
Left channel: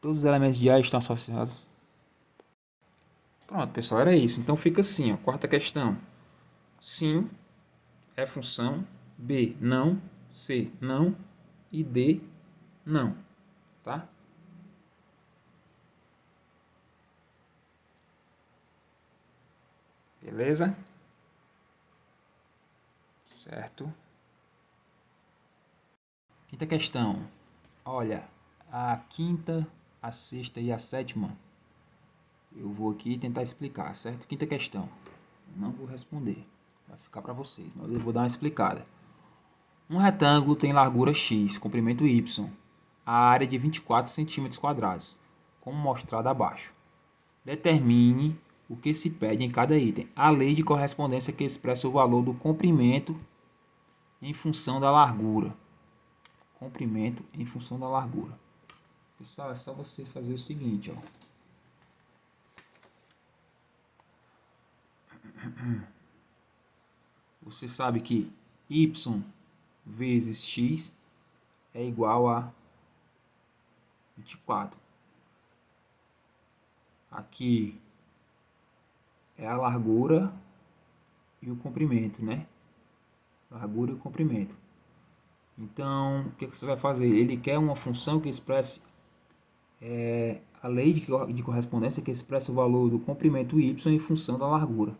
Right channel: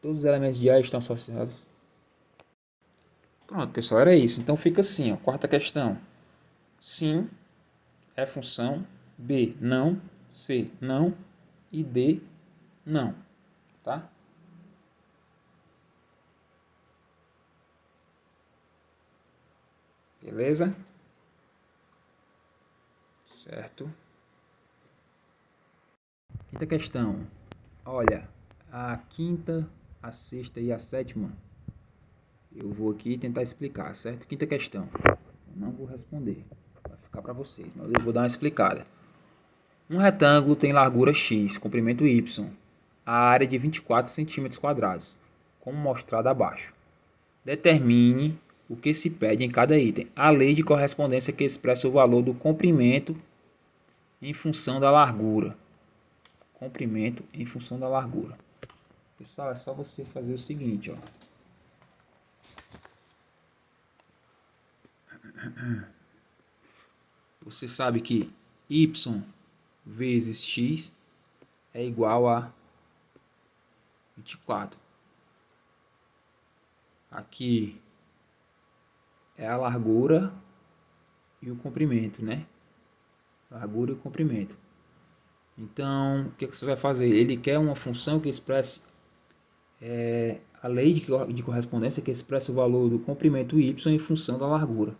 Todos os elementos de A estão associados. Pronto, pessoal, era isso. Então fica assim, ó. Quarta questão. Sim é função. B, não. C, não. E D, não. Tá? Beleza? Certo. Quinta questão. Olha, a quinta, a sexta e a sétima, eu vou aqui tentar explicar, certo? Quinta questão. Não vou responder. Vai ficar para vocês. Mas eu vou dar uma explicada. Um retângulo tem largura x, comprimento y, a área de 24 centímetros quadrados, como mostrado abaixo. Determine o que se pede em cada item. A lei de correspondência que expressa o valor do comprimento em função da largura. Comprimento em função da largura. Pessoal, é só você fazer o seguinte, ó. Você sabe que y vezes x é igual a 24. Aqui é a largura e o comprimento, né? Largura e o comprimento. Então, o que você vai fazer? Ele quer uma função que expresse a lei de correspondência que expressa o valor do comprimento y em função da largura.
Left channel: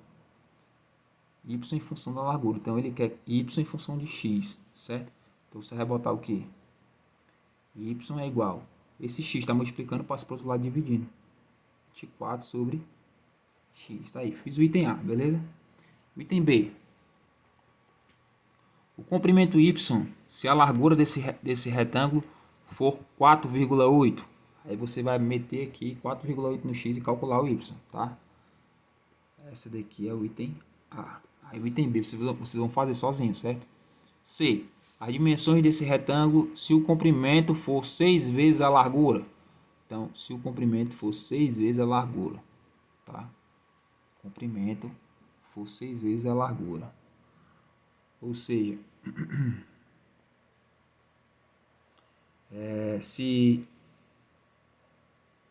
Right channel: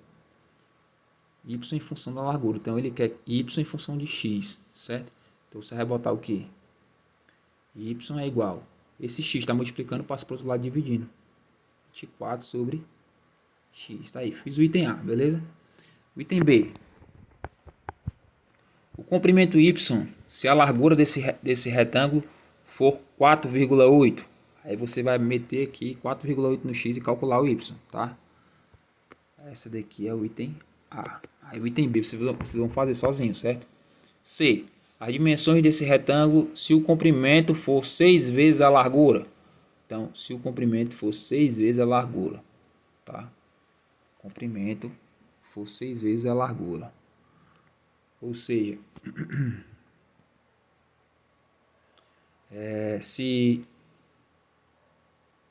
Y em função da largura. Então, ele quer y em função de x, certo? Então, você vai botar o quê? Y é igual. Esse x está multiplicando, passa para o outro lado dividindo. 24 sobre x. Tá aí, fiz o item A, beleza? O item B. O comprimento y, se a largura desse retângulo for 4,8, aí você vai meter aqui 4,8 no x e calcular o y, tá? Essa daqui é o item A. Aí o item B vocês vão fazer sozinho, certo? C. As dimensões desse retângulo, se o comprimento for 6 vezes a largura. Então, se o comprimento for 6 vezes a largura, tá? Comprimento for 6 vezes a largura. Ou seja, se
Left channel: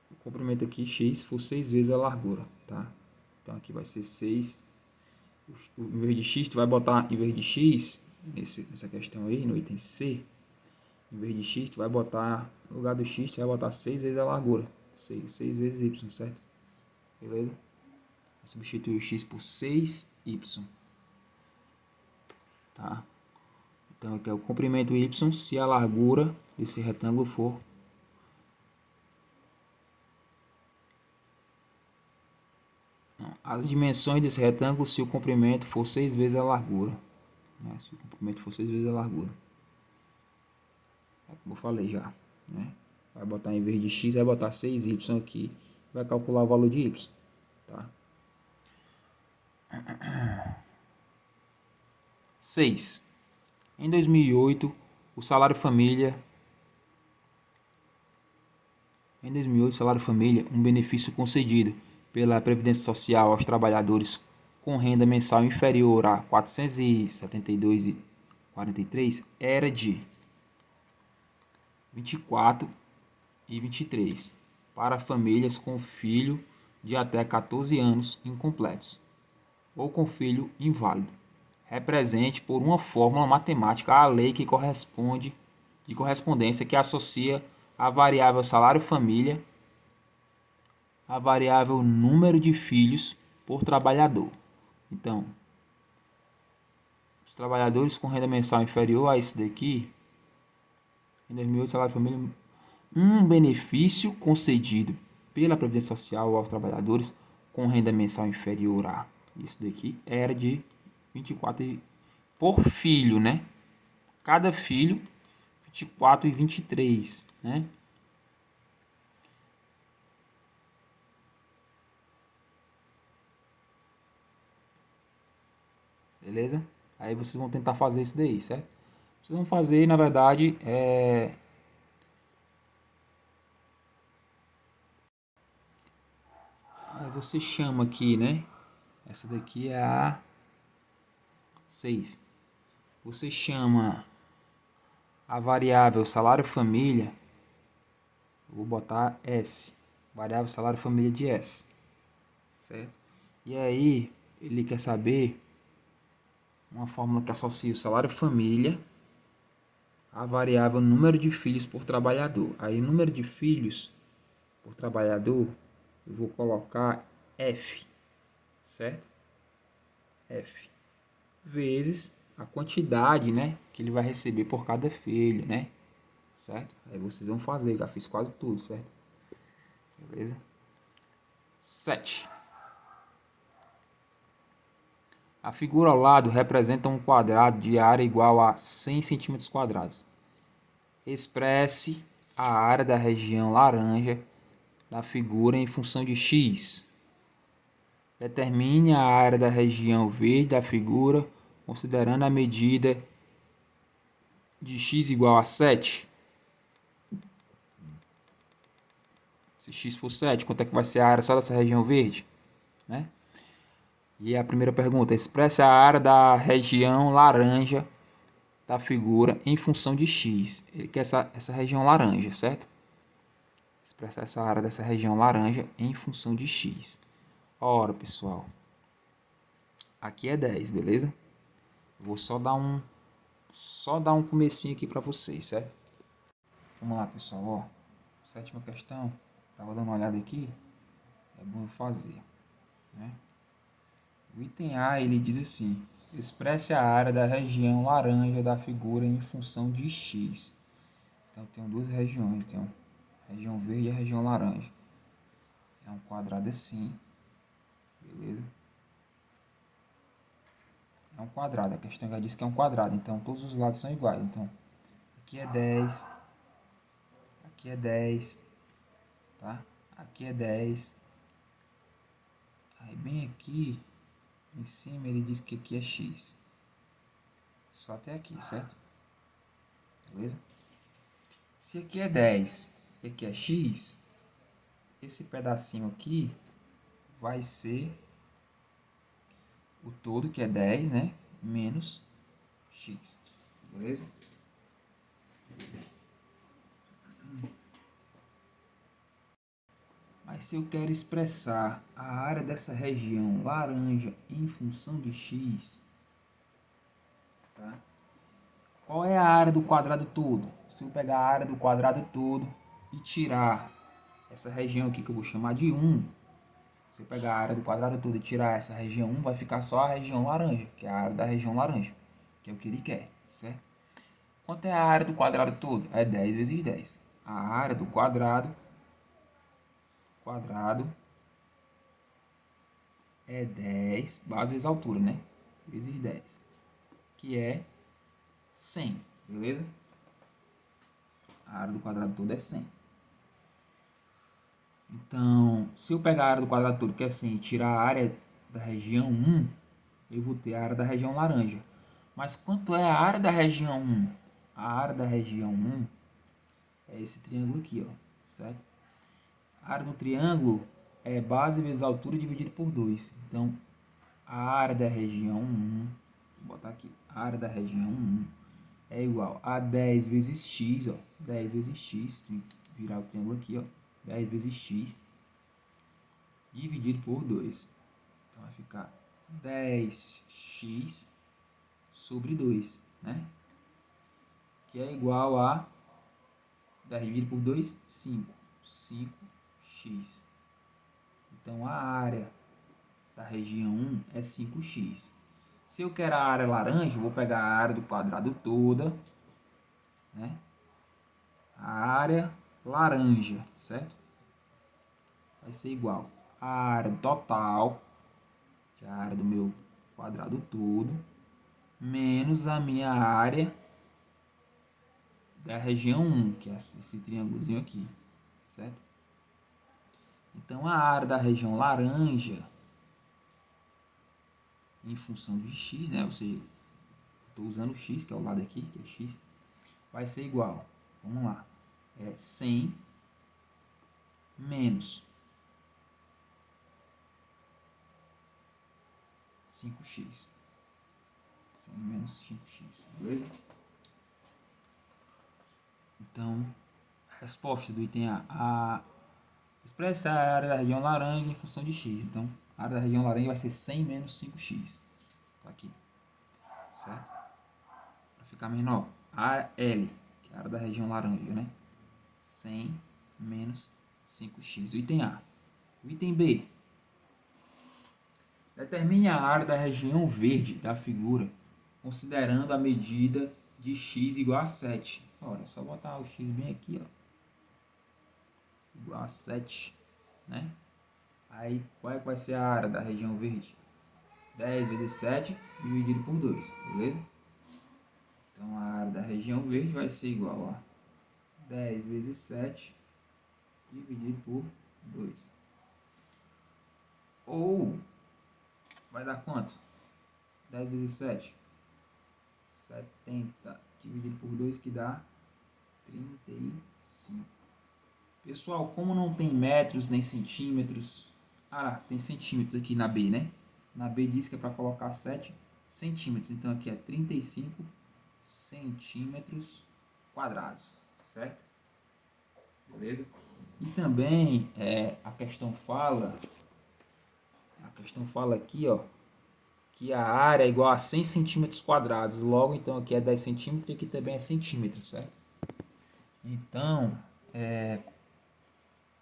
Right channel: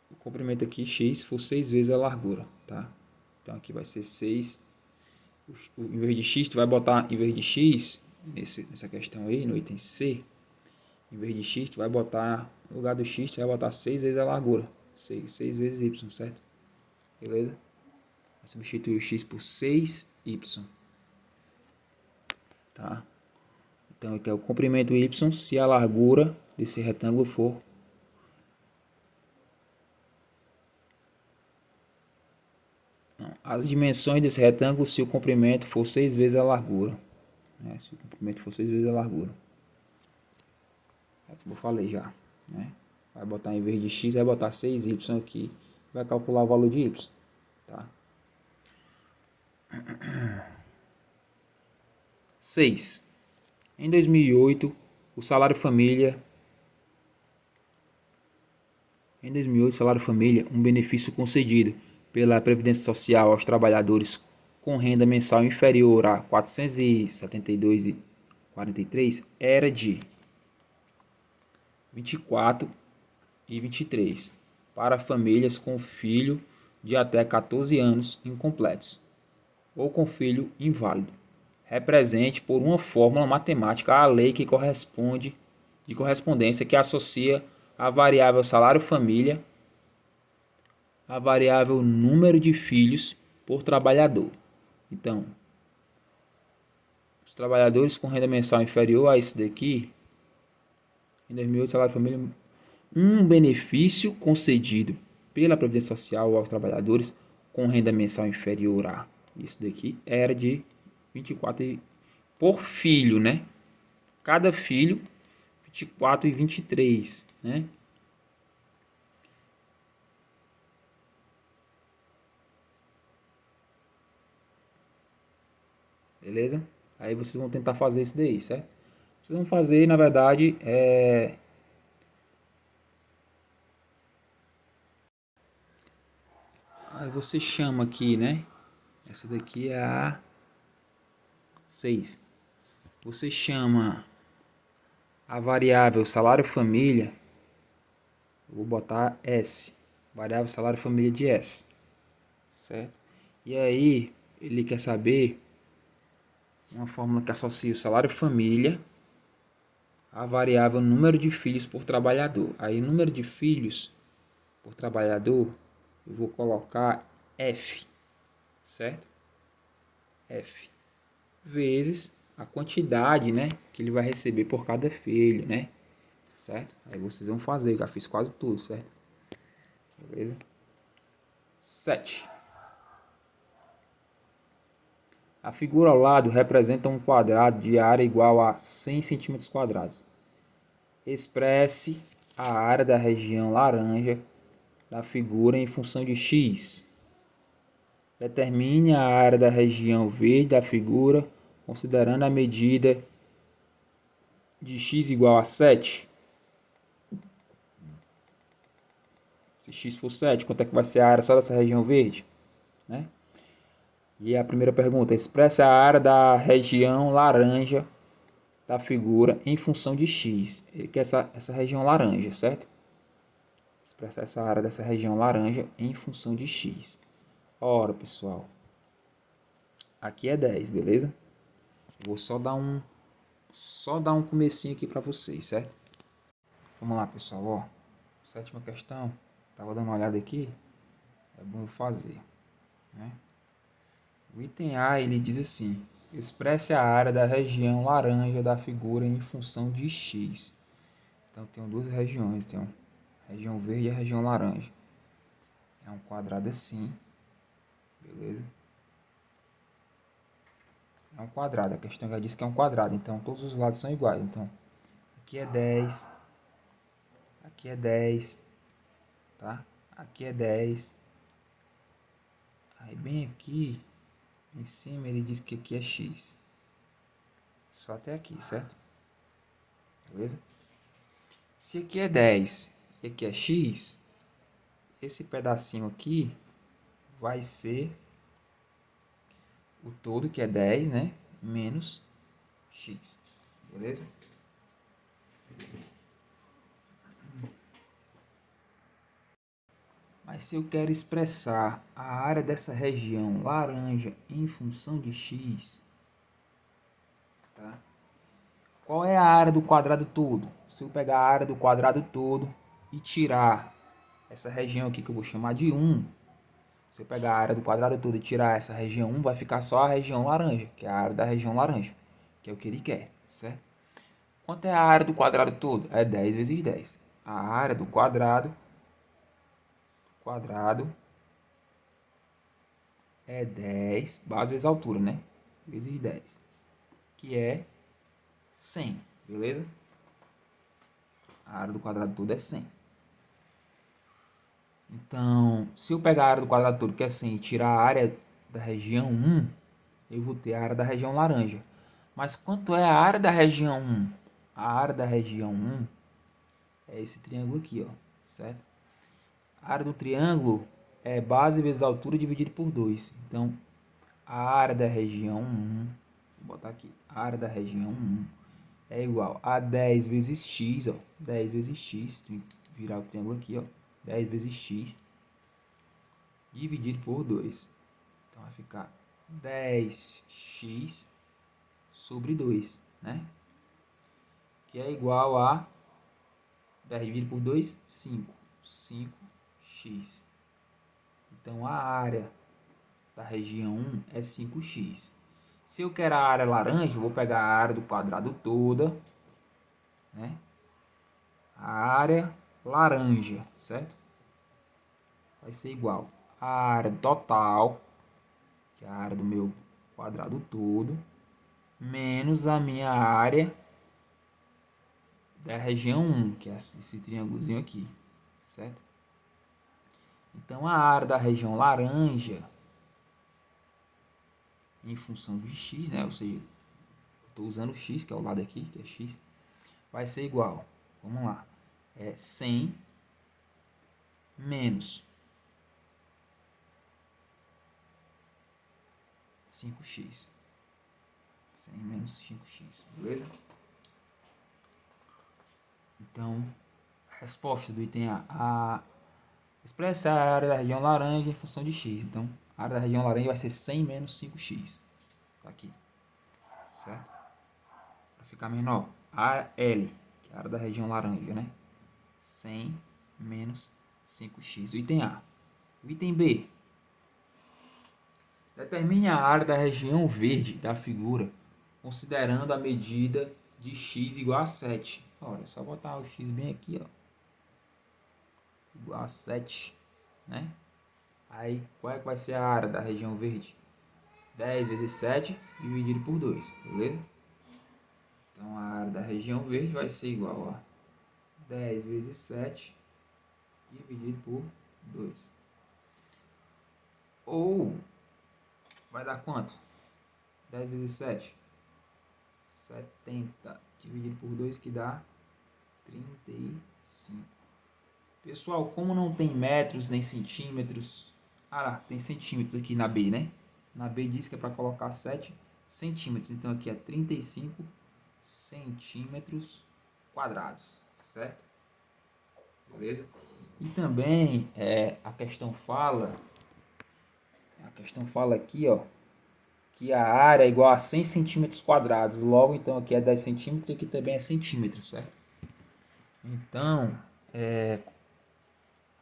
o comprimento aqui, x, for 6 vezes a largura, tá? Então, aqui vai ser 6. Em vez de x, tu vai botar, em vez de x, nessa questão aí, no item C, em vez de x, tu vai botar, no lugar do x, tu vai botar 6 vezes a largura. 6 vezes y, certo? Beleza? Vai substituir o x por 6y. Tá? Então, aqui é o comprimento y se a largura desse retângulo for as dimensões desse retângulo se o comprimento for 6 vezes a largura. Né? Se o comprimento for 6 vezes a largura. É como eu falei já. Né? Vai botar em vez de x, vai botar 6y aqui. Vai calcular o valor de y. Tá? 6. Em 2008, o salário família... Em 2008, o salário família, um benefício concedido pela Previdência Social aos trabalhadores com renda mensal inferior a R$ 472,43 era de 24 e 23 para famílias com filho de até 14 anos incompletos ou com filho inválido. Represente por uma fórmula matemática a lei que corresponde de correspondência que associa a variável salário família a variável número de filhos por trabalhador. Então, os trabalhadores com renda mensal inferior a isso daqui, em 2008, salário família, um benefício concedido pela Previdência Social aos trabalhadores com renda mensal inferior a isso daqui era de 24 por filho, né? Cada filho 24 e 23, né? Beleza? Aí vocês vão tentar fazer isso daí, certo? Vocês vão fazer, na verdade, você chama aqui, né? Essa daqui é a 6. Você chama a variável salário família. Eu vou botar S. Variável salário família de S. Certo? E aí, ele quer saber uma fórmula que associa o salário família à variável número de filhos por trabalhador. Aí, número de filhos por trabalhador, eu vou colocar F. Certo? F. Vezes a quantidade, né, que ele vai receber por cada filho, né? Certo? Aí vocês vão fazer, já fiz quase tudo, certo? Beleza? 7. A figura ao lado representa um quadrado de área igual a 100 centímetros quadrados. Expresse a área da região laranja da figura em função de x. Determine a área da região verde da figura considerando a medida de x igual a 7. Se x for 7, quanto é que vai ser a área só dessa região verde? Né? E a primeira pergunta, expresse a área da região laranja da figura em função de x. Ele quer essa região laranja, certo? Expressar essa área dessa região laranja em função de x. Ora, pessoal, aqui é 10, beleza? Vou só dar um comecinho aqui para vocês, certo? Vamos lá, pessoal, ó. Sétima questão, tava dando uma olhada aqui, é bom fazer, né? O item A, ele diz assim: expresse a área da região laranja da figura em função de x. Então, tem duas regiões, tem a região verde e a região laranja. É um quadrado assim, beleza? É um quadrado, a questão já diz que é um quadrado, então todos os lados são iguais. Então, aqui é 10, aqui é 10, tá? Aqui é 10. Aí, bem aqui, em cima, ele diz que aqui é x. Só até aqui, certo? Beleza? Se aqui é 10 e aqui é x, esse pedacinho aqui vai ser o todo, que é 10, né? Menos x. Beleza? Mas se eu quero expressar a área dessa região laranja em função de x, tá? Qual é a área do quadrado todo? Se eu pegar a área do quadrado todo e tirar essa região aqui que eu vou chamar de 1, se eu pegar a área do quadrado todo e tirar essa região 1, vai ficar só a região laranja, que é a área da região laranja, que é o que ele quer, certo? Quanto é a área do quadrado todo? É 10 vezes 10. A área do quadrado é 10, base vezes altura, né? Vezes 10, que é 100, beleza? A área do quadrado todo é 100. Então, se eu pegar a área do quadrado todo, que é 100, e tirar a área da região 1, eu vou ter a área da região laranja. Mas quanto é a área da região 1? A área da região 1 é esse triângulo aqui, ó, certo? A área do triângulo é base vezes altura dividido por 2. Então, a área da região 1, vou botar aqui, a área da região 1 é igual a 10 vezes x, ó, 10 vezes x, tem que virar o triângulo aqui, ó, 10 vezes x dividido por 2. Então, vai ficar 10x sobre 2, né? Que é igual a 10 dividido por 2, 5. 5x. Então, a área da região 1 é 5x. Se eu quero a área laranja, eu vou pegar a área do quadrado toda, né? A área laranja, certo? Vai ser igual a área total, que é a área do meu quadrado todo, menos a minha área da região 1, que é esse triângulozinho aqui, certo? Então, a área da região laranja, em função de x, né? Ou seja, estou usando x, que é o lado aqui, que é x, vai ser igual, vamos lá, é 100 menos 5x. 100 menos 5x, beleza? Então, resposta do item A. Expressa a área da região laranja em função de x. Então, a área da região laranja vai ser 100 menos 5x. Tá aqui. Certo? Para ficar menor, a L, que é a área da região laranja, né? 100 menos 5x. O item A. O item B. Determine a área da região verde da figura, considerando a medida de x igual a 7. Olha, é só botar o x bem aqui, ó. Igual a 7, né? Aí, qual é que vai ser a área da região verde? 10 vezes 7 dividido por 2, beleza? Então, a área da região verde vai ser igual a 10 vezes 7 dividido por 2. Ou, vai dar quanto? 10 vezes 7? 70 dividido por 2, que dá 35. Pessoal, como não tem metros nem centímetros... tem centímetros aqui na B, né? Na B diz que é para colocar 7 centímetros. Então, aqui é 35 centímetros quadrados, certo? Beleza? E também a questão fala aqui, ó, que a área é igual a 100 centímetros quadrados. Logo, então, aqui é 10 centímetros e aqui também é centímetros, certo? Então,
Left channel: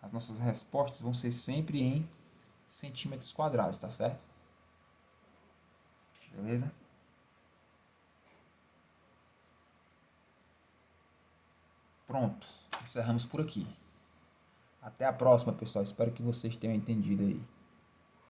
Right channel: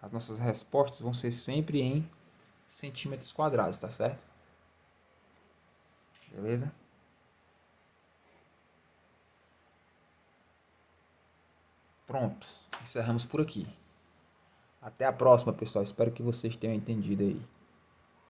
as nossas respostas vão ser sempre em centímetros quadrados, tá certo? Beleza? Pronto, encerramos por aqui. Até a próxima, pessoal. Espero que vocês tenham entendido aí.